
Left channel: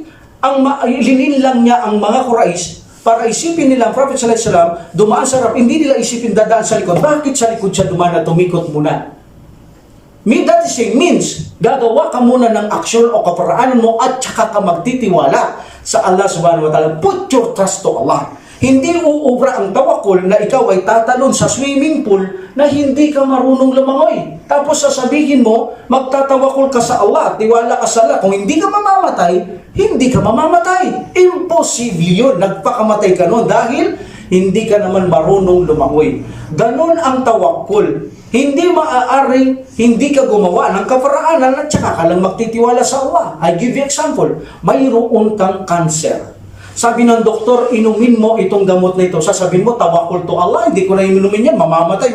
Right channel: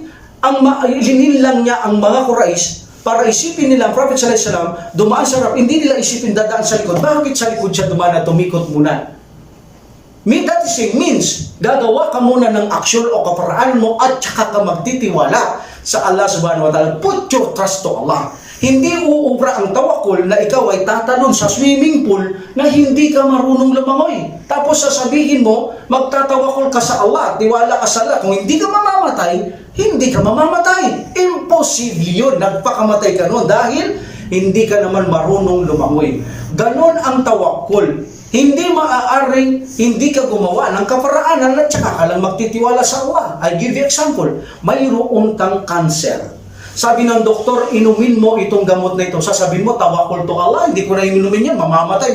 linil lang niya ang mga Quraysh para isipin nila ang Prophet sallallahu alaihi wasallam dumaan sa harap, hindi nila isipin dadaan sa likod. Bakit sa likod siya dumaan at tumikot muna? That is a means, gagawa ka muna ng aksyon o kaparaanan mo at saka ka magtitiwala sa Allah subhanahu wa ta'ala. Put your trust to Allah. Hindi uubra ang tawakul na ikaw ay tatalon sa swimming pool na hindi ka marunong lumangoy. Tapos sasabihin mo, magtatawakul ka sa Allah, tiwala ka sa Allah. Kung hindi ka mamamatay, hindi ka mamamatay. Imposible yun. Nagpakamatay ka nun dahil hindi ka naman marunong lumangoy. Ganon ang tawakul. Hindi maaaring hindi ka gumawa ng kaparaanan at saka ka lang magtitiwala sa Allah. I give you example. Mayroon kang cancer. Sabi ng doktor, inumin mo itong gamot na ito. Sasabihin mo, tawakul to Allah, hindi ko na inumin yan, mamamatay.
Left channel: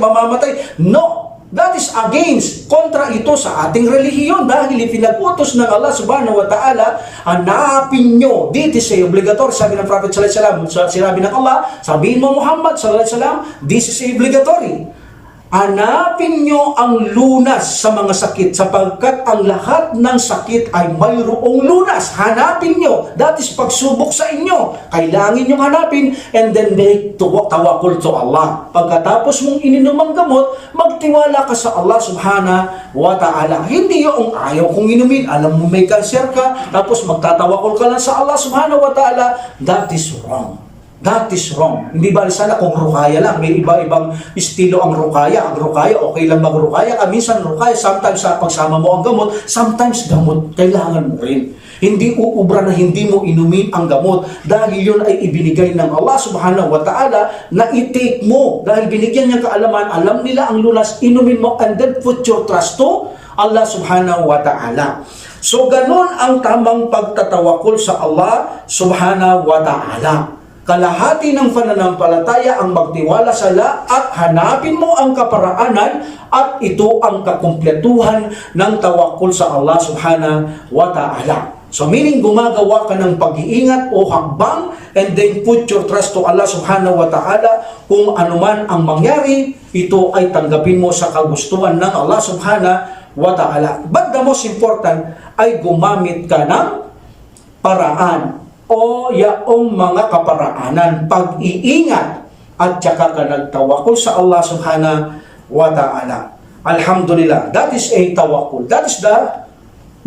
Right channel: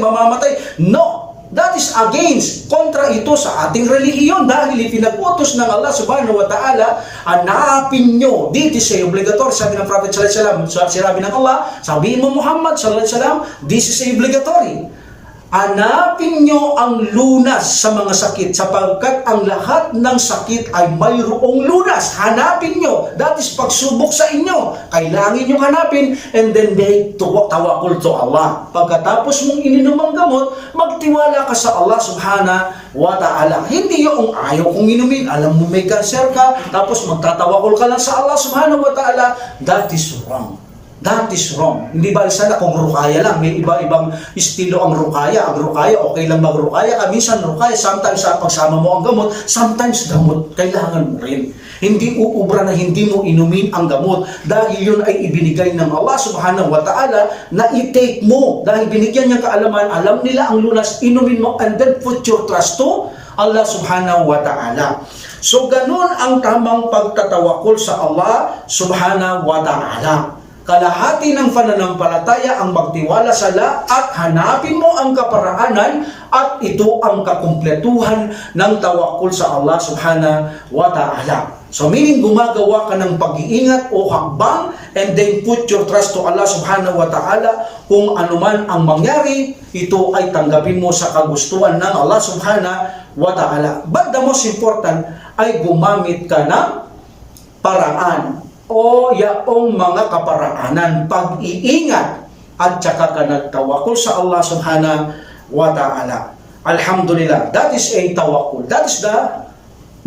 No! That is against, kontra ito sa ating relihiyon dahil ipinag-utos ng Allah subhanahu wa ta'ala, hanapin nyo. This is obligatory, sabi ng Prophet sallallahu alaihi wasallam. Sinabi ng Allah, sabihin mo Muhammad sallallahu alaihi wasallam, this is obligatory. Hanapin nyo ang lunas sa mga sakit sapagkat ang lahat ng sakit ay mayroong lunas. Hanapin nyo. That is pagsubok sa inyo. Kailangan nyo hanapin and then make tawakul to Allah. Pagkatapos mong ininom ang gamot, magtiwala ka sa Allah subhanahu wa ta'ala. Hindi yung ayaw kong inumin, alam mo may cancer ka, tapos magtatawakul ka lang sa Allah subhanahu wa ta'ala. That is wrong. That is wrong. Hindi ba sana kung rukaya lang, may iba-ibang estilo ang rukaya. Ang rukaya, okay lang mag-rukaya ka. Minsan rukaya, sometimes sa pagsama mo ang gamot, sometimes gamot, kailangan mo rin. Hindi uubra na hindi mo inumin ang gamot dahil yun ay ibinigay ng Allah subhanahu wa ta'ala na i-take mo. Dahil binigyan niyang kaalaman, alam nila ang lunas, inumin mo and then put your trust to Allah subhanahu wa ta'ala. So ganun ang tamang pagtatawakul sa Allah subhanahu wa ta'ala. Kalahati ng pananampalataya ang magtiwala sa Allah at hanapin mo ang kaparaanan at ito ang kakumpletuhan ng tawakul sa Allah subhanahu wa ta'ala. So meaning gumagawa ka ng pag-iingat o hakbang and then put your trust to Allah subhanahu wa ta'ala. Kung anuman ang mangyari, ito ay tanggapin mo sa kagustuhan ng Allah subhanahu wa ta'ala. But the most important ay gumamit ka ng paraan o yaong mga kaparaanan, pag-iingat at saka ka nagtawakul sa Allah subhanahu wa ta'ala. Alhamdulillah, that is a tawakul. That is the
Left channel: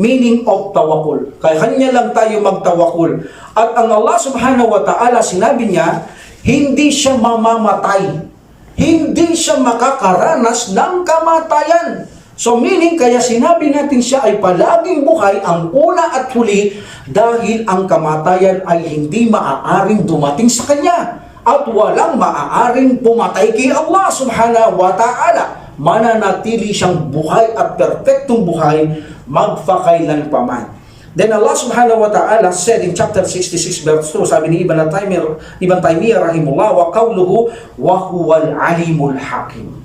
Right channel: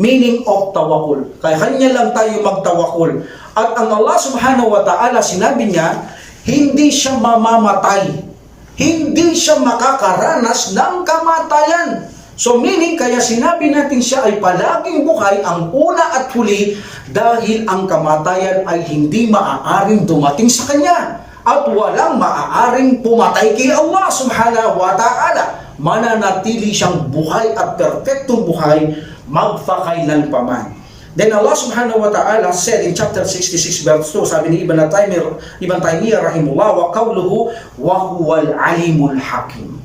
meaning of tawakul. Kaya kanya lang tayo magtawakul. At ang Allah subhanahu wa ta'ala, sinabi niya, hindi siya mamamatay. Hindi siya makakaranas ng kamatayan. So meaning, kaya sinabi natin siya ay palaging buhay ang una at huli dahil ang kamatayan ay hindi maaaring dumating sa kanya at walang maaaring pumatay kay Allah subhanahu wa ta'ala. Mananatili siyang buhay at perfectong buhay magpakailan paman. Then Allah subhanahu wa ta'ala said in chapter 66 verse 2, sabi ni Ibn Taymiyyah rahimullah, wa qawluhu wa huwal alimul hakim.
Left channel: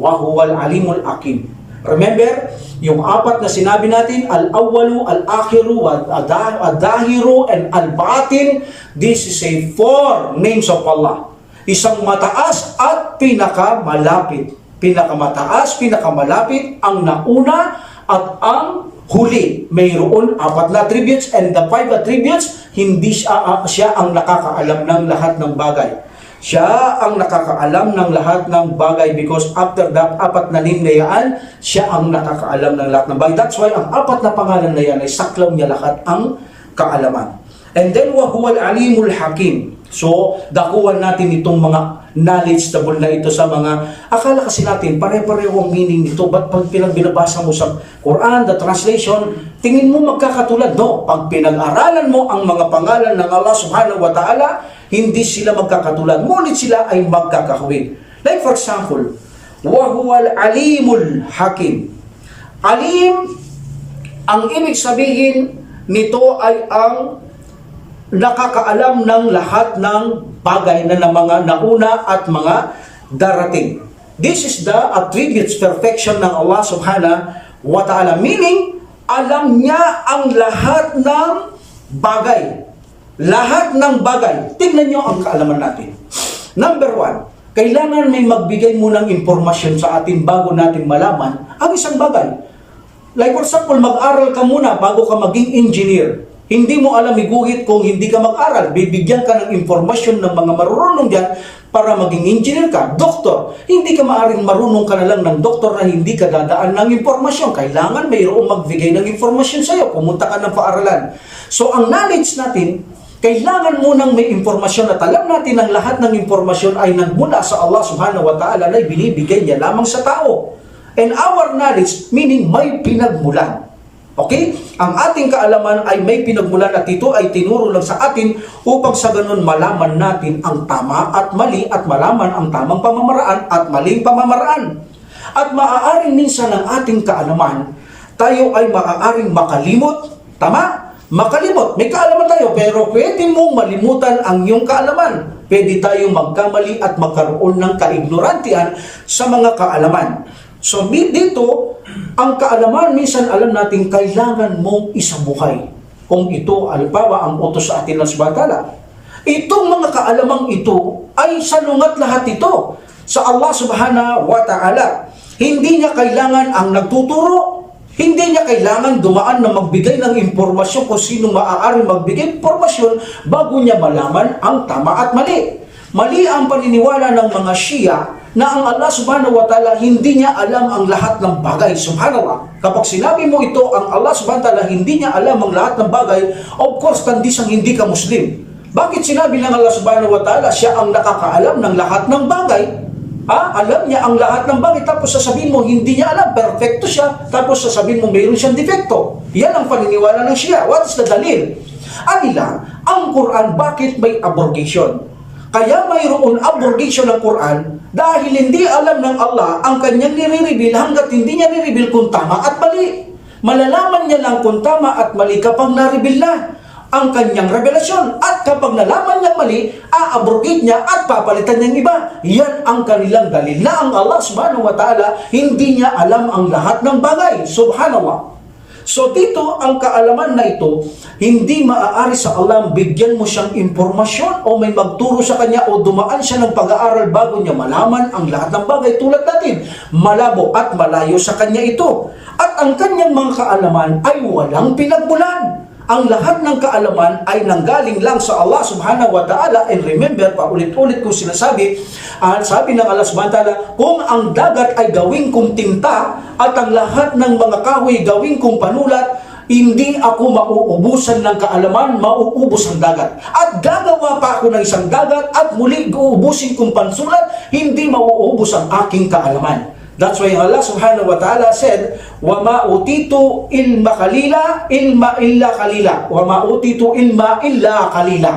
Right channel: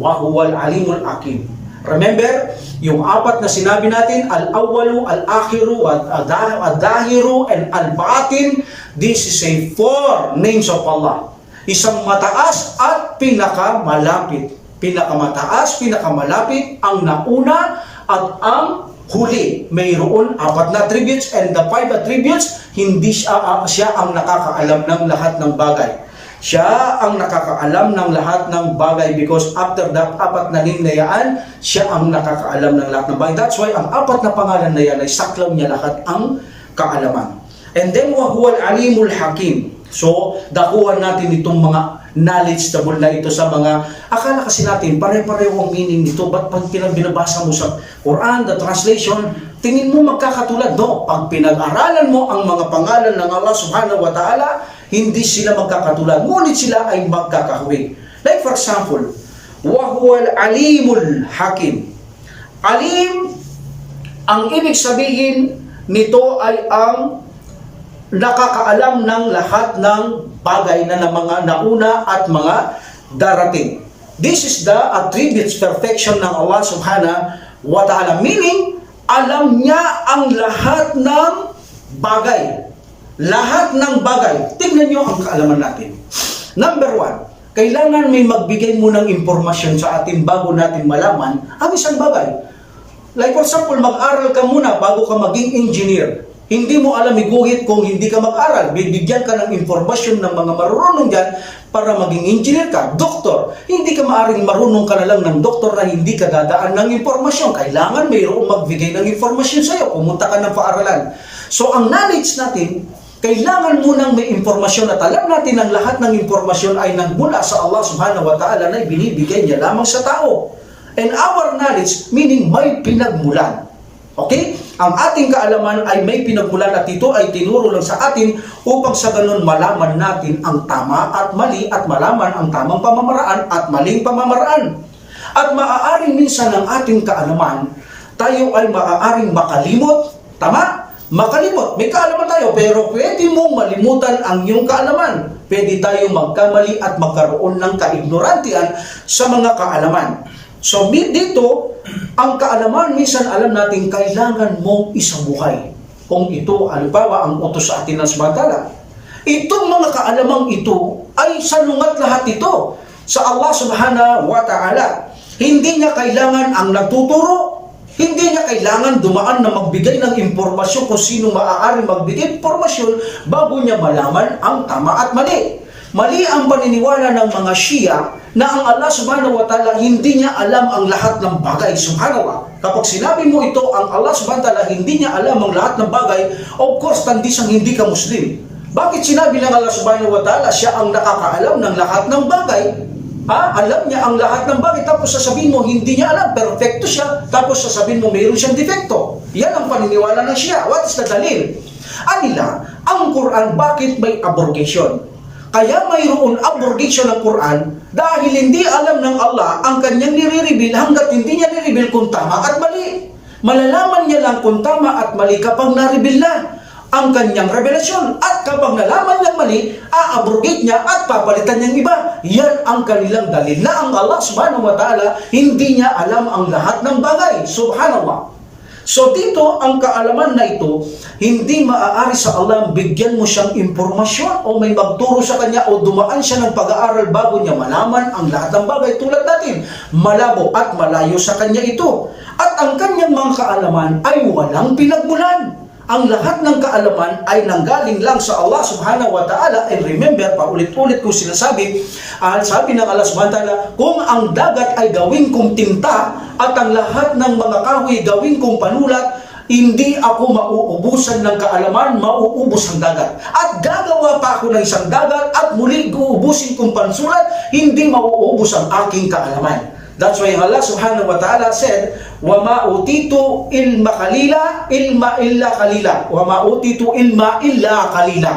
Wa huwal alimul hakim. Remember, yung apat na sinabi natin, al-awwalu, al-akhiru, al-dahiru, and al-batin. This is a 4 names of Allah. Isang mataas at pinakamalapit. Pinakamataas, pinakamalapit, ang nauna at ang huli. Mayroon 4 na attributes and the 5 attributes, hindi siya ang nakakaalam ng lahat ng bagay. Siya ang nakakaalam ng lahat ng bagay because after that 4 na name na yan, siya ang nakakaalam ng lahat ng bagay. That's why ang 4 na pangalan na yan ay saklaw niya lahat ang kaalaman. And then, wahuwal alimul hakim. So, dakuhan natin itong mga knowledgeable na ito sa mga, akala kasi natin, pare-pareho ang meaning nito. Ba't pag binabasa mo sa Quran, the translation, tingin mo magkakatulad? No, pag pinag-aralan mo ang mga pangalan ng Allah subhanahu wa ta'ala, hindi sila magkakatulad, ngunit sila ay magkakahawig. Like for example, wahuwal alimul hakim. Alim, ang ibig sabihin nito ay ang nakakaalam ng lahat ng bagay na mga nauna at mga darating. This is the attributes perfection ng Allah subhanahu wa ta'ala. Meaning, alam niya ang lahat ng bagay. Lahat ng bagay. Tingnan nyo ang kaalaman natin. Number 1, kailangan may magbigay munang impormasyon sa atin bago natin malaman ang isang bagay. Like for example, mag-aral ka muna bago ka maging engineer. Hindi mo alam iguhit kung hindi ka mag-aral. Bibigyan ka ng informasyon ng mga marunong dyan para maging engineer ka, doktor. Hindi ka maaring marunong ka na lang ng doktor na hindi ka dadaan ng informasyon. Kailangan mayroong magbigay ng informasyon sa iyo. Pumunta ka ng paaralan. So ang knowledge natin, kailangan munang may informasyon at alam natin ang lahat ng informasyon ay nagmula sa Allah subhanahu wa ta'ala na ibinibigay niya lamang sa tao. And our knowledge, meaning may pinagmulan. Okay? Ang ating kaalaman ay may pinagmulan at ito ay tinuro lang sa atin upang sa ganun malaman natin ang tama at mali at malaman ang tamang pamamaraan at maling pamamaraan. At maaaring minsan ang ating kaalaman, tayo ay maaaring makalimot. Tama? Makalimot. May kaalaman tayo pero pwede mong malimutan ang iyong kaalaman. Pwede tayo magkamali at magkaroon ng kaignorantian sa mga kaalaman. So dito, ang kaalaman, minsan alam natin kailangan mong isabuhay. Kung ito, halimbawa, ang utos sa atin ng subhanahu. Itong mga kaalamang ito ay salungat lahat ito sa Allah subhanahu wa ta'ala. Hindi niya kailangan ang nagtuturo. Hindi niya kailangan dumaan na magbigay ng impormasyon kung sino maaaring magbigay impormasyon bago niya malaman ang tama at mali. Mali ang paniniwala ng mga Shia na ang Allah subhanahu wa ta'ala hindi niya alam ang lahat ng bagay. Subhanallah. Kapag sinabi mo ito, ang Allah subhanahu wa ta'ala hindi niya alam ang lahat ng bagay, of course, tandisang hindi ka Muslim. Bakit sinabi ng Allah subhanahu wa ta'ala, siya ang nakakaalam ng lahat ng bagay? Alam niya ang lahat ng bagay, tapos sasabihin mo, hindi niya alam, perfecto siya, tapos sasabihin mo, mayroon siyang defecto. Yan ang paniniwala ng Shia. What is the dalil? Anila, ang Quran, bakit may abrogation? Kaya mayroon abrogation ng Quran dahil hindi alam ng Allah ang kanyang nire-reveal hanggat hindi niya nire-reveal kung tama at mali. Malalaman niya lang kung tama at mali kapag na-reveal na ang kanyang revelasyon. At kapag nalaman niyang mali, a-abrogate niya at papalitan niyang iba. Yan ang kanilang dalil na ang Allah subhanahu wa ta'ala hindi niya alam ang lahat ng bagay. Subhanallah. So dito, ang kaalaman na ito, hindi maaari sa Allah bigyan mo siyang impormasyon o may magturo sa kanya o dumaan siya ng pag-aaral bago niya malaman ang lahat ng bagay tulad natin. Malabo at malayo sa kanya ito. At ang kanyang mga kaalaman ay walang pinagmulan. Ang lahat ng kaalaman ay nanggaling lang sa Allah subhanahu wa ta'ala. And remember, paulit-ulit kong sinasabi, sabi ng Allah subhanahu wa ta'ala, kung ang dagat ay gawing kong tinta at ang lahat ng mga kahoy gawing kong panulat, hindi ako mauubusan ng kaalaman, mauubos ang dagat. At gagawa pa ako ng isang dagat at muli uubusin kong pansulat, hindi mauubos ang aking kaalaman. That's why Allah subhanahu wa ta'ala said, وَمَا أُوتِيتُ إِلْمَ قَلِيلًا إِلْمَ إِلَّا قَلِيلًا وَمَا أُوتِيتُ إِلْمَ إِلَّا قَلِيلًا.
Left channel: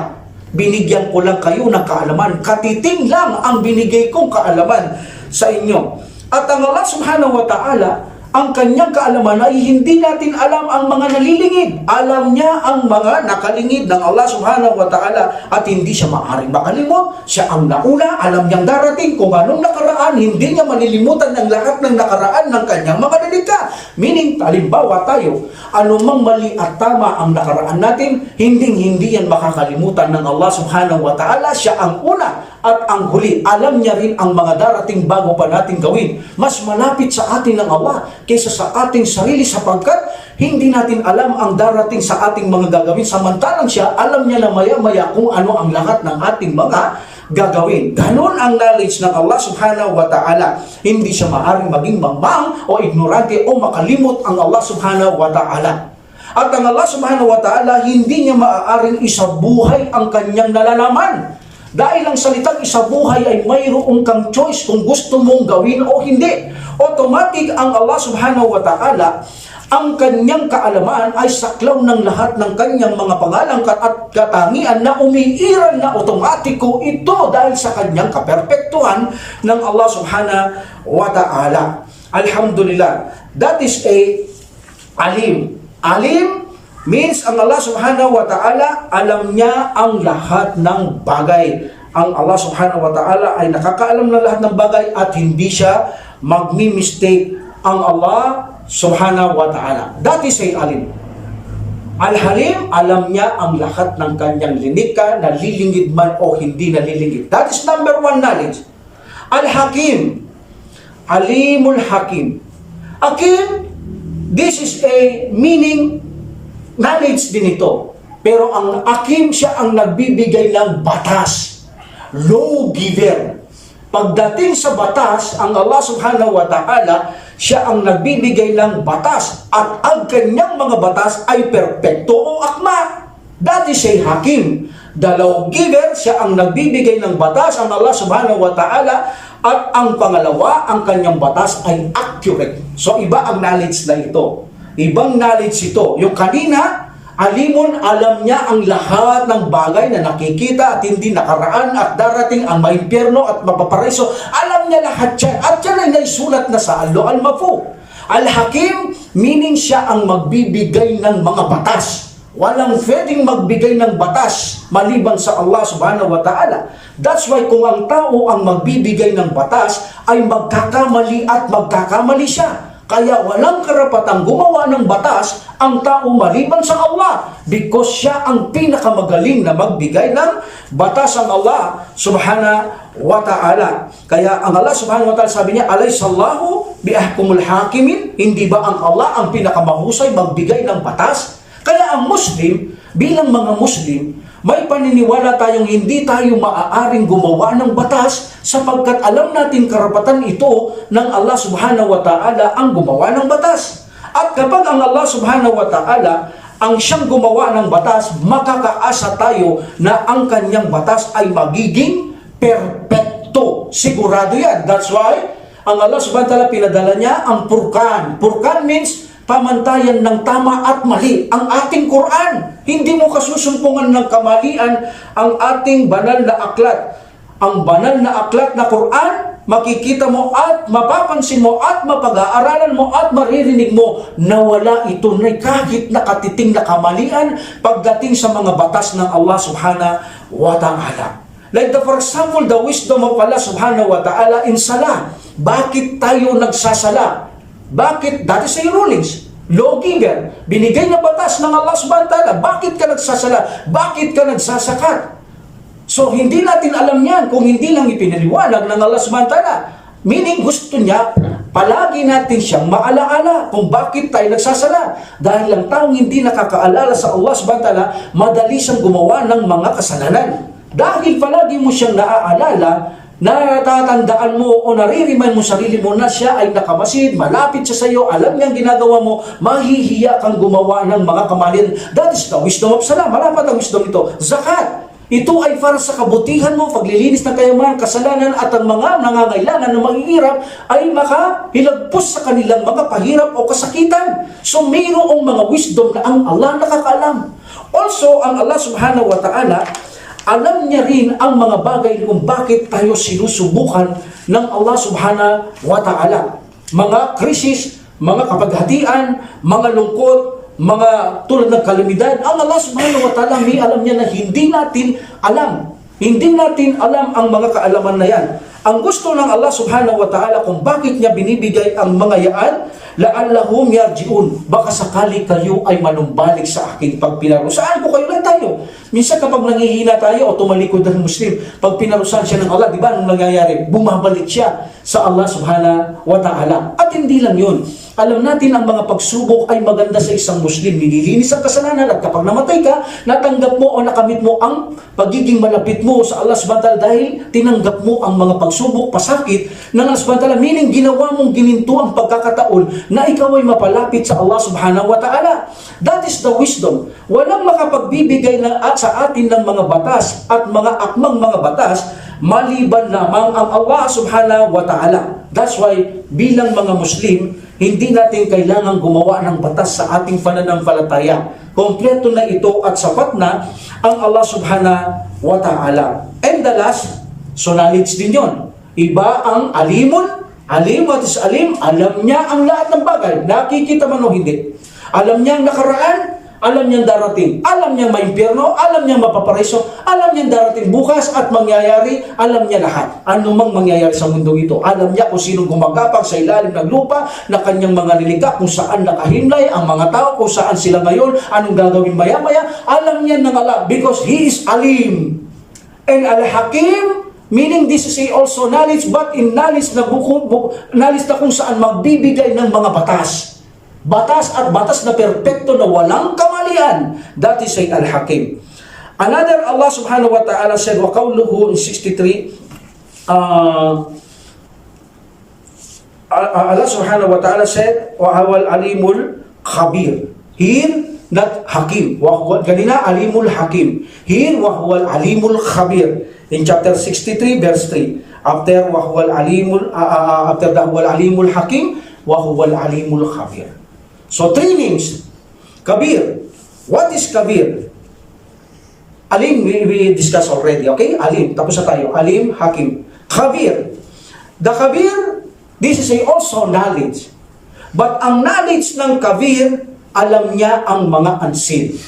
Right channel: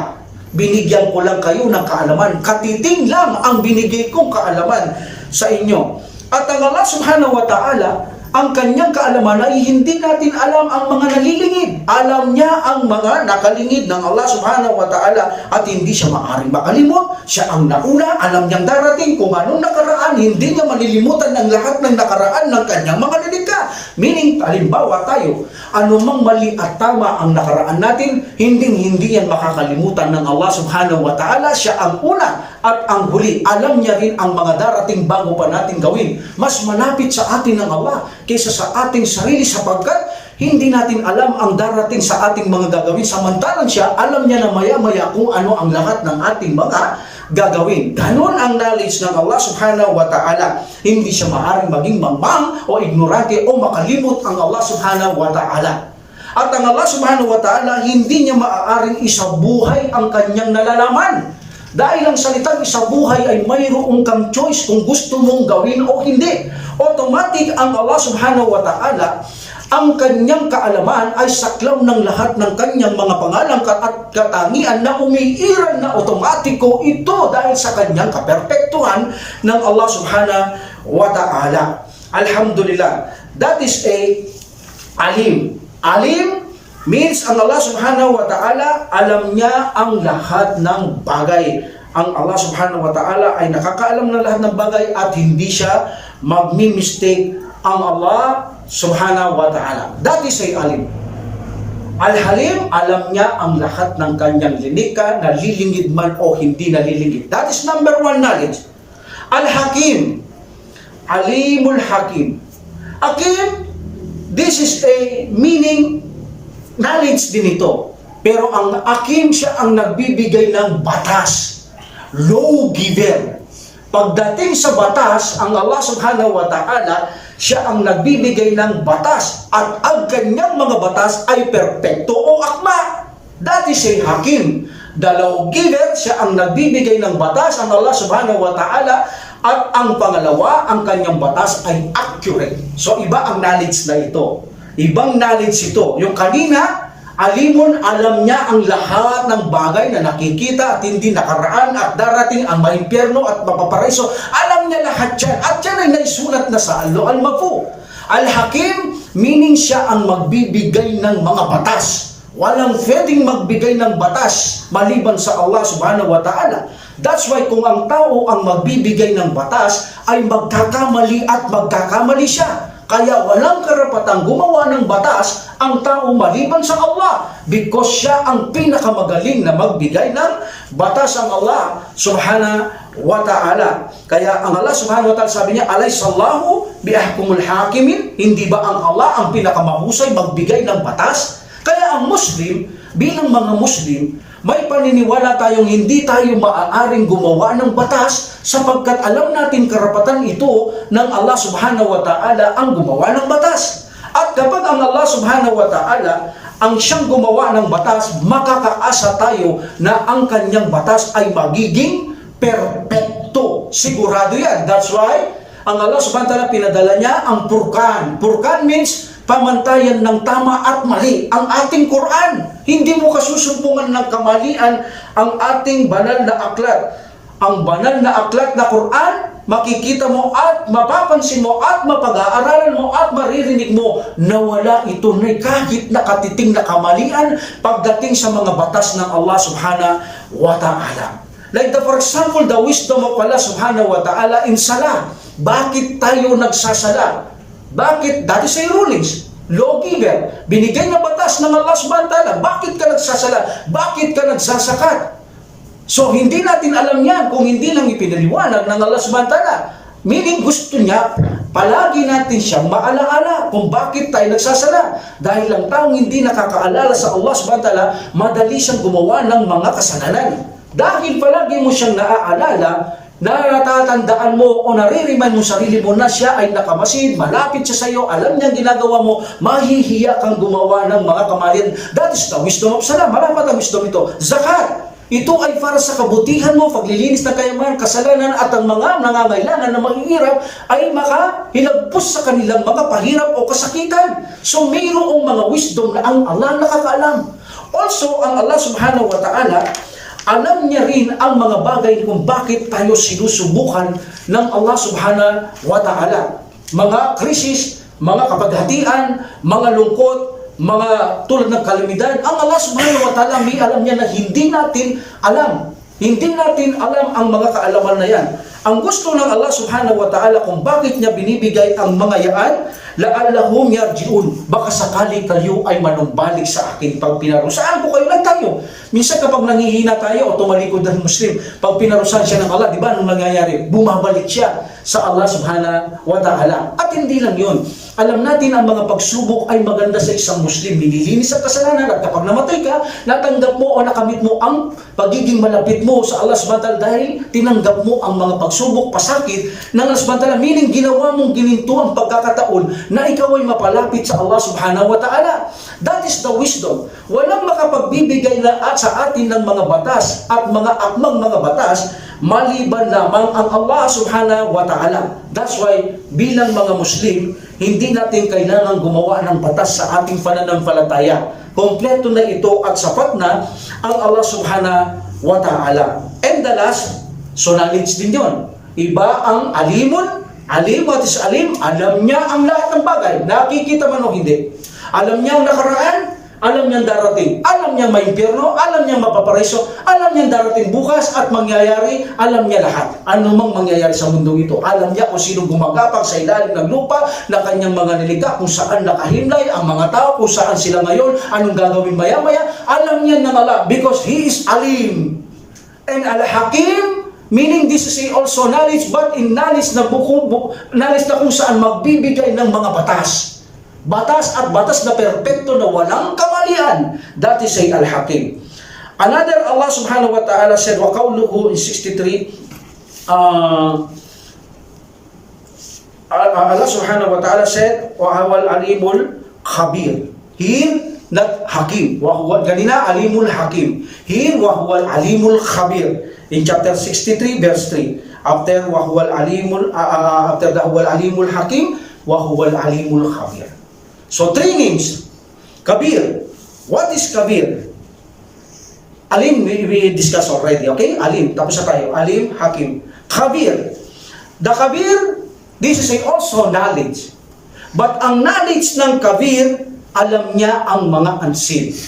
Binigyan ko lang kayo ng kaalaman. Katiting lang ang binigay kong kaalaman sa inyo. At ang Allah subhanahu wa ta'ala, ang kanyang kaalaman ay hindi natin alam ang mga nalilingid. Alam niya ang mga nakalingid ng Allah subhanahu wa ta'ala at hindi siya maaaring makalimot. Siya ang nauna, alam niyang darating kung anong nakaraan, hindi niya malilimutan ng lahat ng nakaraan ng kanyang mga nilikha. Meaning, halimbawa tayo, anumang mali at tama ang nakaraan natin, hindi yan makakalimutan ng Allah subhanahu wa ta'ala. Siya ang una at ang huli. Alam niya rin ang mga darating bago pa natin gawin. Mas malapit sa atin ng Allah kaysa sa ating sarili sapagkat hindi natin alam ang darating sa ating mga gagawin. Samantalang siya, alam niya na maya-maya kung ano ang lahat ng ating mga gagawin. Ganon ang knowledge ng Allah subhanahu wa ta'ala. Hindi siya maaaring maging mangmang o ignorante o makalimot ang Allah subhanahu wa ta'ala. At ang Allah subhanahu wa ta'ala, hindi niya maaaring isabuhay ang kanyang nalalaman. Dahil ang salitang isabuhay ay mayroong kang choice kung gusto mong gawin o hindi. Automatic ang Allah subhanahu wa ta'ala, ang kanyang kaalaman ay saklaw ng lahat ng kanyang mga pangalan at katangian na umiiral na otomatiko ito dahil sa kanyang kaperpektuhan ng Allah subhanahu wa ta'ala. Alhamdulillah. That is a alim. Alim means ang Allah subhanahu wa ta'ala, alam niya ang lahat ng bagay. Ang Allah subhanahu wa ta'ala ay nakakaalam ng lahat ng bagay at hindi siya magmi-mistake ang Allah subhanahu wa ta'ala. That is a alim. Al-Halim, alam niya ang lahat ng kanyang linika, nalilingid man o hindi nalilingid. That is number one knowledge. Al-Hakim, Alimul Hakim. Hakim, this is a meaning knowledge din ito. Pero ang hakim, siya ang nagbibigay ng batas. Lawgiver. Pagdating sa batas, ang Allah subhanahu wa ta'ala, siya ang nagbibigay ng batas. At ang kanyang mga batas ay perpekto o akma. That is a hakim. The lawgiver, siya ang nagbibigay ng batas, ang Allah subhanahu wa ta'ala. At ang pangalawa, ang kanyang batas ay accurate. So iba ang knowledge na ito. Ibang knowledge ito. Yung kanina, alimun, alam niya ang lahat ng bagay na nakikita at hindi nakaraan at darating ang maimpyerno at mapaparaiso. Alam niya lahat yan. At yan ay naisulat na sa Al-Lawhul Mahfuz. Al-Hakim, meaning siya ang magbibigay ng mga batas. Walang pwedeng magbigay ng batas maliban sa Allah subhanahu wa ta'ala. That's why kung ang tao ang magbibigay ng batas, ay magkakamali at magkakamali siya. Kaya walang karapatang gumawa ng batas ang tao maliban sa Allah, because siya ang pinakamagaling na magbigay ng batas, ang Allah subhanahu wa ta'ala. Kaya ang Allah subhanahu wa ta'ala sabi niya, alaysallahu biahkumul hakimin, hindi ba ang Allah ang pinakamahusay magbigay ng batas? Kaya ang Muslim, bilang mga Muslim, may paniniwala tayong hindi tayo maaaring gumawa ng batas sapagkat alam natin karapatan ito ng Allah subhanahu wa ta'ala ang gumawa ng batas. At kapag ang Allah subhanahu wa ta'ala ang siyang gumawa ng batas, makakaasa tayo na ang kanyang batas ay magiging perpekto. Sigurado yan. That's why ang Allah subhanahu wa ta'ala pinadala niya ang Furqan. Furqan means pamantayan ng tama at mali ang ating Quran. Hindi mo kasusumpungan ng kamalian ang ating banal na aklat. Ang banal na aklat na Quran, makikita mo at mapapansin mo at mapag-aaralan mo at maririnig mo na wala ito na kahit nakatiting na kamalian pagdating sa mga batas ng Allah subhanahu wa ta'ala. Like for example, the wisdom of Allah subhanahu wa ta'ala in salah. Bakit tayo nagsasala? Bakit? That is a rulings. Lawgiver. Binigay na batas ng Allah subhanahu wa ta'ala. Bakit ka nagsasala? Bakit ka nagsasakat? So, hindi natin alam yan kung hindi lang ipinaliwanag ng Allah subhanahu wa ta'ala. Meaning, gusto niya, palagi natin siyang maalaala kung bakit tayo nagsasala. Dahil lang taong hindi nakakaalala sa Allah subhanahu wa ta'ala, madali siyang gumawa ng mga kasalanan. Dahil palagi mo siyang naaalala, natatandaan mo o naririman mo sarili mo na siya ay nakamasid, malapit siya sa iyo, alam niyang ginagawa mo, mahihiya kang gumawa ng mga kamalian. That is the wisdom of salah. Malapat ang wisdom ito. Zakat. Ito ay para sa kabutihan mo, paglilinis ng kayamanan, kasalanan at ang mga nangangailangan na mahihirap ay makahilagpos sa kanilang mga pahirap o kasakitan. So mayroong mga wisdom na ang Allah nakakaalam. Also, ang Allah subhanahu wa ta'ala, alam niya rin ang mga bagay kung bakit tayo sinusubukan ng Allah subhanahu wa ta'ala. Mga krisis, mga kapaghatian, mga lungkot, mga tulad ng kalamidad, ang Allah subhanahu wa ta'ala may alam niya na hindi natin alam. Hindi natin alam ang mga kaalaman na yan. Ang gusto ng Allah subhanahu wa ta'ala kung bakit niya binibigay ang mga yaan, la'allahum yarji'un. Baka sakali kayo ay manumbalik sa akin pag pinarusahan ko kayo lang tayo. Minsan kapag nangihina tayo o tumalikod ng Muslim, pag pinarusahan siya ng Allah, di ba anong nangyayari? Bumabalik siya sa Allah subhanahu wa ta'ala. At hindi lang yun. Alam natin ang mga pagsubok ay maganda sa isang Muslim. Nililinis ang kasalanan at kapag namatay ka, natanggap mo o nakamit mo ang pagiging malapit mo sa Allah subhanahu wa ta'ala dahil tinanggap mo ang mga pagsubok, pasakit ng Allah subhanahu wa ta'ala. Meaning ginawa mong gininto ang pagkakataon na ikaw ay mapalapit sa Allah subhanahu wa ta'ala. That is the wisdom. Walang makapagbibigay na sa atin ng mga batas at mga akmang mga batas maliban lamang ang Allah subhanahu wa ta'ala. That's why bilang mga Muslim, hindi natin kailangan gumawa ng batas sa ating pananampalataya. Kompleto na ito at sapat na ang Allah subhanahu wa ta'ala. And the last, so knowledge din yun. Iba ang alimun. Alim, what is alim? Alam niya ang lahat ng bagay. Nakikita man o hindi. Alam niya ang nakaraan. Alam niyang darating. Alam niyang may impyerno. Alam niyang mapaparaiso. Alam niyang darating bukas at mangyayari. Alam niya lahat. Ano mang mangyayari sa mundo ito. Alam niya kung sinong gumagapang sa ilalim ng lupa na kanyang mga nilikha, kung saan nakahimlay ang mga tao, kung saan sila ngayon, anong gagawin maya-maya. Alam niya ng Allah because He is alim. And Al-Hakim, meaning this is also knowledge, but in knowledge na knowledge na kung saan magbibigay ng mga batas. batas at batas na perpekto na walang kamalian. That is ay Al-Hakim. Another, Allah subhanahu wa ta'ala said, wa qawluhu in 63, Allah subhanahu wa ta'ala said, wa huwal alimul khabir. Here, not hakim. Ganina, alimul hakim. Here, wa huwal alimul khabir. In chapter 63, verse 3. After wa huwal alimul, after the huwal alimul hakim, wa huwal alimul khabir. So, three names. Kabir. What is kabir? Alim, we discussed already, okay? Alim, tapos na tayo. Alim, hakim. Khabir. The khabir, this is also knowledge. But ang knowledge ng kabir, alam niya ang mga unseen.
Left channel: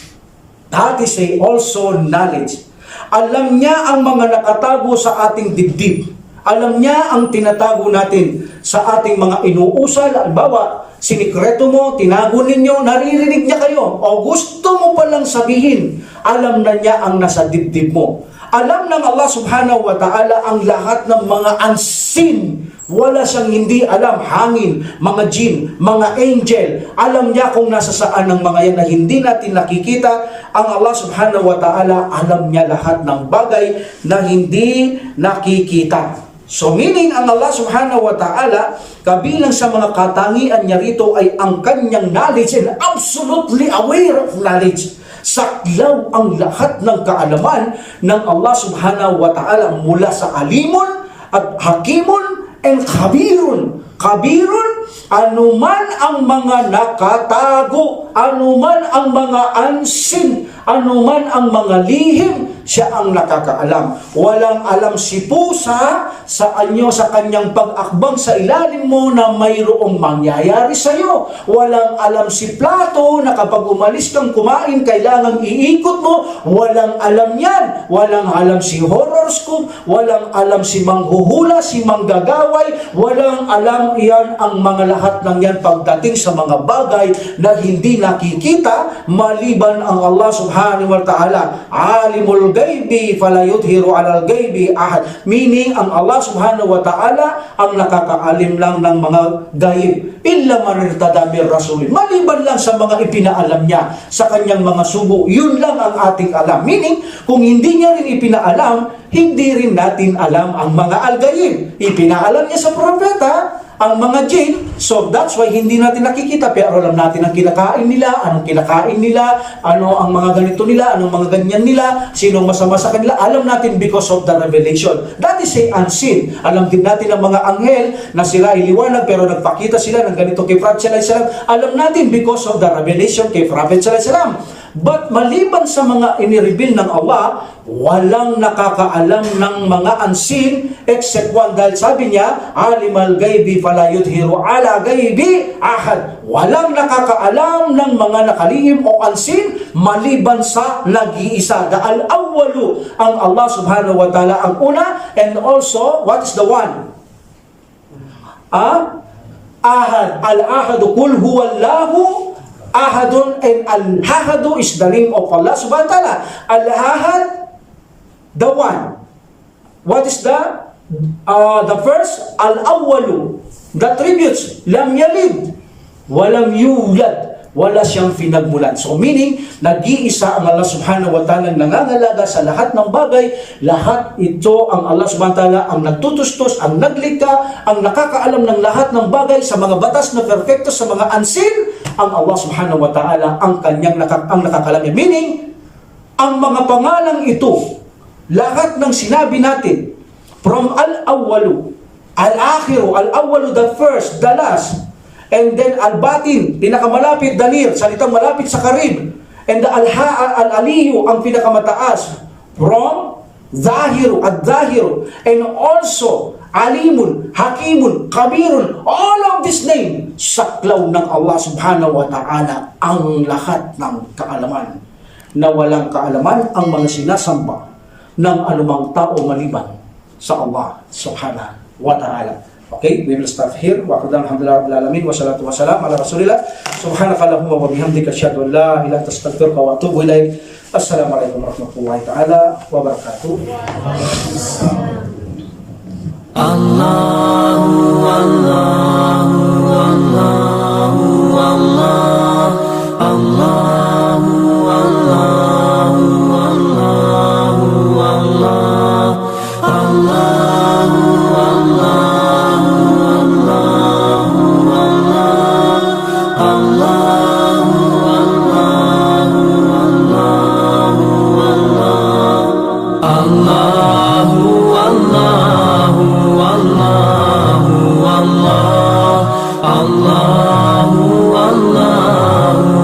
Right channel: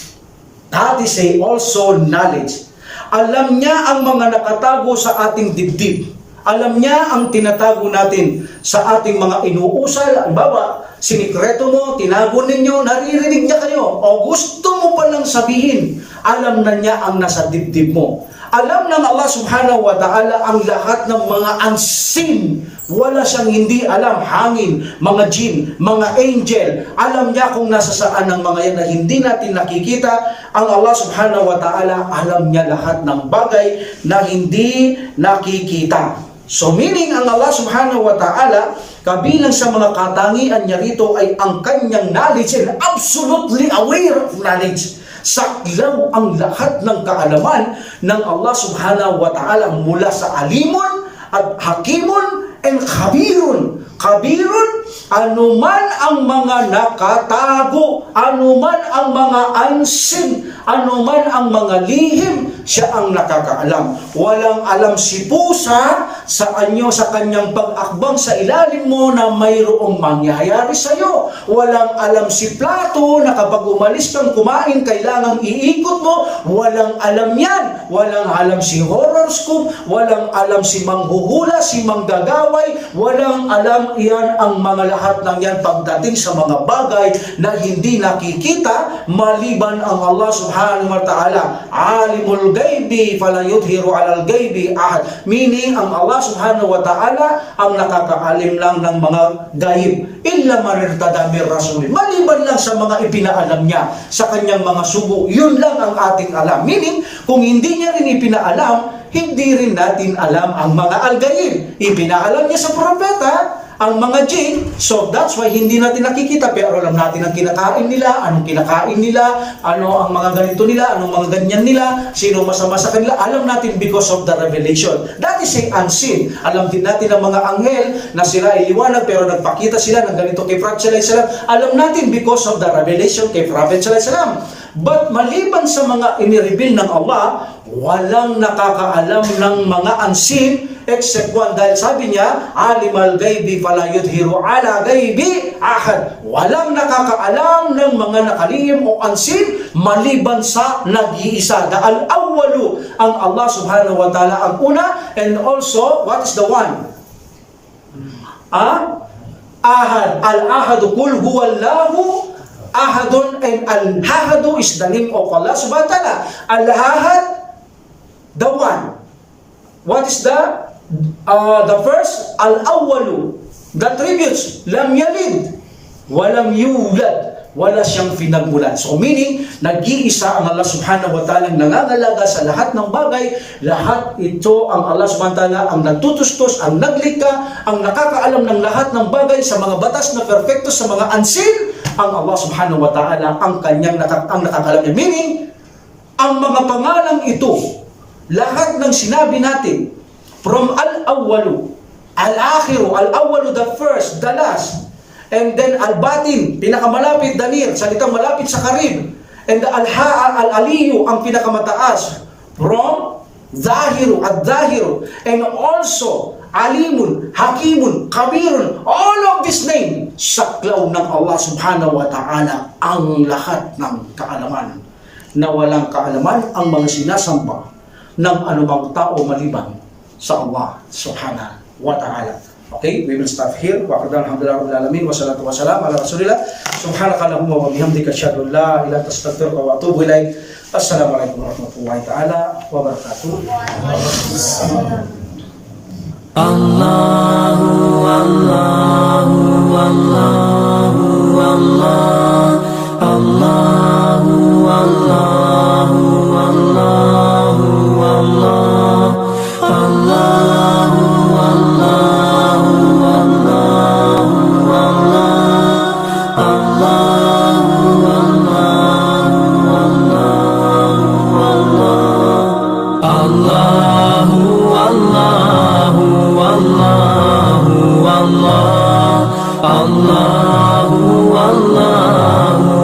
That is also knowledge. Alam niya ang mga nakatago sa ating dibdib. Alam niya ang tinatago natin sa ating mga inuusal. Halimbawa, sinikreto mo, tinago ninyo, naririnig niya kayo. O gusto mo palang sabihin, alam na niya ang nasa dibdib mo. Alam ng Allah subhanahu wa ta'ala ang lahat ng mga unseen. Wala siyang hindi alam. Hangin, mga jinn, mga angel. Alam niya kung nasa saan ng mga yan na hindi natin nakikita. Ang Allah subhanahu wa ta'ala, alam niya lahat ng bagay na hindi nakikita. So meaning, ang Allah subhanahu wa ta'ala, kabilang sa mga katangian niya rito ay ang kanyang knowledge and absolutely aware of knowledge. Saklaw ang lahat ng kaalaman ng Allah subhanahu wa ta'ala mula sa alimun at hakimun and khabirun. Khabirun, anuman ang mga nakatago, anuman ang mga unseen, anuman ang mga lihim, siya ang nakakaalam. Walang alam si pusa sa kanyang pag-akbang sa ilalim mo na mayroong mangyayari sa iyo. Walang alam si plato na kapag umalis kang kumain, kailangang iikot mo. Walang alam yan. Walang alam si horoscope, walang alam si manghuhula, si manggagaway, walang alam iyan ang mga lahat ng yan pagdating sa mga bagay na hindi nakikita maliban ang Allah subhanahu wa ta'ala. Alimul gaybi fala yudhiru alal gaybi ahad. Meaning, ang Allah subhanahu wa ta'ala ang nakakaalim lang ng mga gayib. Illa man irtada min rasulin. Maliban lang sa mga ipinaalam niya sa kanyang mga sugo. Yun lang ang ating alam. Meaning, kung hindi niya rin ipinaalam, hindi rin natin alam ang mga al-gayib. Ipinaalam niya sa propeta ang mga jinn, so that's why hindi natin nakikita, pero alam natin ang kinakain nila, anong kinakain nila, ano ang mga ganito nila, anong mga ganyan nila, sinong masama sa kanila, alam natin because of the revelation. That is unseen. Alam din natin ang mga anghel na sila ay liwanag pero nagpakita sila ng ganito kay Prophet sallallahu alaihi wasallam. Alam natin because of the revelation kay Prophet sallallahu alaihi wasallam. But maliban sa mga inireveal ng Allah, walang nakakaalam ng mga unseen except one, dahil sabi niya, alimal gaybi fala yudhiru ala gaybi ahad. Walang nakakaalam ng mga nakalihim o unseen maliban sa nag-iisa. The al-awwalu, ang Allah subhanahu wa ta'ala ang una, and also, what is the one? Ahad. Al-ahadu kul huwallahu ahadun, and al-ahadu is the name of Allah subhanahu wa ta'ala. Al-ahad, the one. What is the first? Al-awwalu, the tributes. Lam yalid, walam yulad. Wala siyang pinagmulan. So meaning, nag-iisa ang Allah subhanahu wa ta'ala nangangalaga sa lahat ng bagay. Lahat ito ang Allah subhanahu wa ta'ala ang nagtutustos, ang naglikha, ang nakakaalam ng lahat ng bagay sa mga batas na perfecto, sa mga unseen. Ang Allah subhanahu wa ta'ala ang kanyang nakakaalam niya. Meaning, ang mga pangalang ito, lahat ng sinabi natin, from al-awwalu, al-akhiru, al-awwalu, the first, the last, and then al-batin, pinakamalapit, danir, salitang malapit sa karib, and al-aliyu, ang pinakamataas, from zahiru, ad-zahiru, and also alimun, hakimun, kabirun, all of this name, saklaw ng Allah subhanahu wa ta'ala ang lahat ng kaalaman, na walang kaalaman ang mga sinasamba ng anumang tao maliban sa Allah subhanahu wa ta'ala. Okay, we will start here. Wa qadana alhamdulillah rabbil alamin wa salatu wa salam ala rasulillah. Subhanakallahumma wa bihamdika asyhadu an la ilaha illa anta astaghfiruka wa atubu ilaik. Assalamualaikum warahmatullahi taala wabarakatuh. Allahu Allahu Allahu Allah. الله الله الله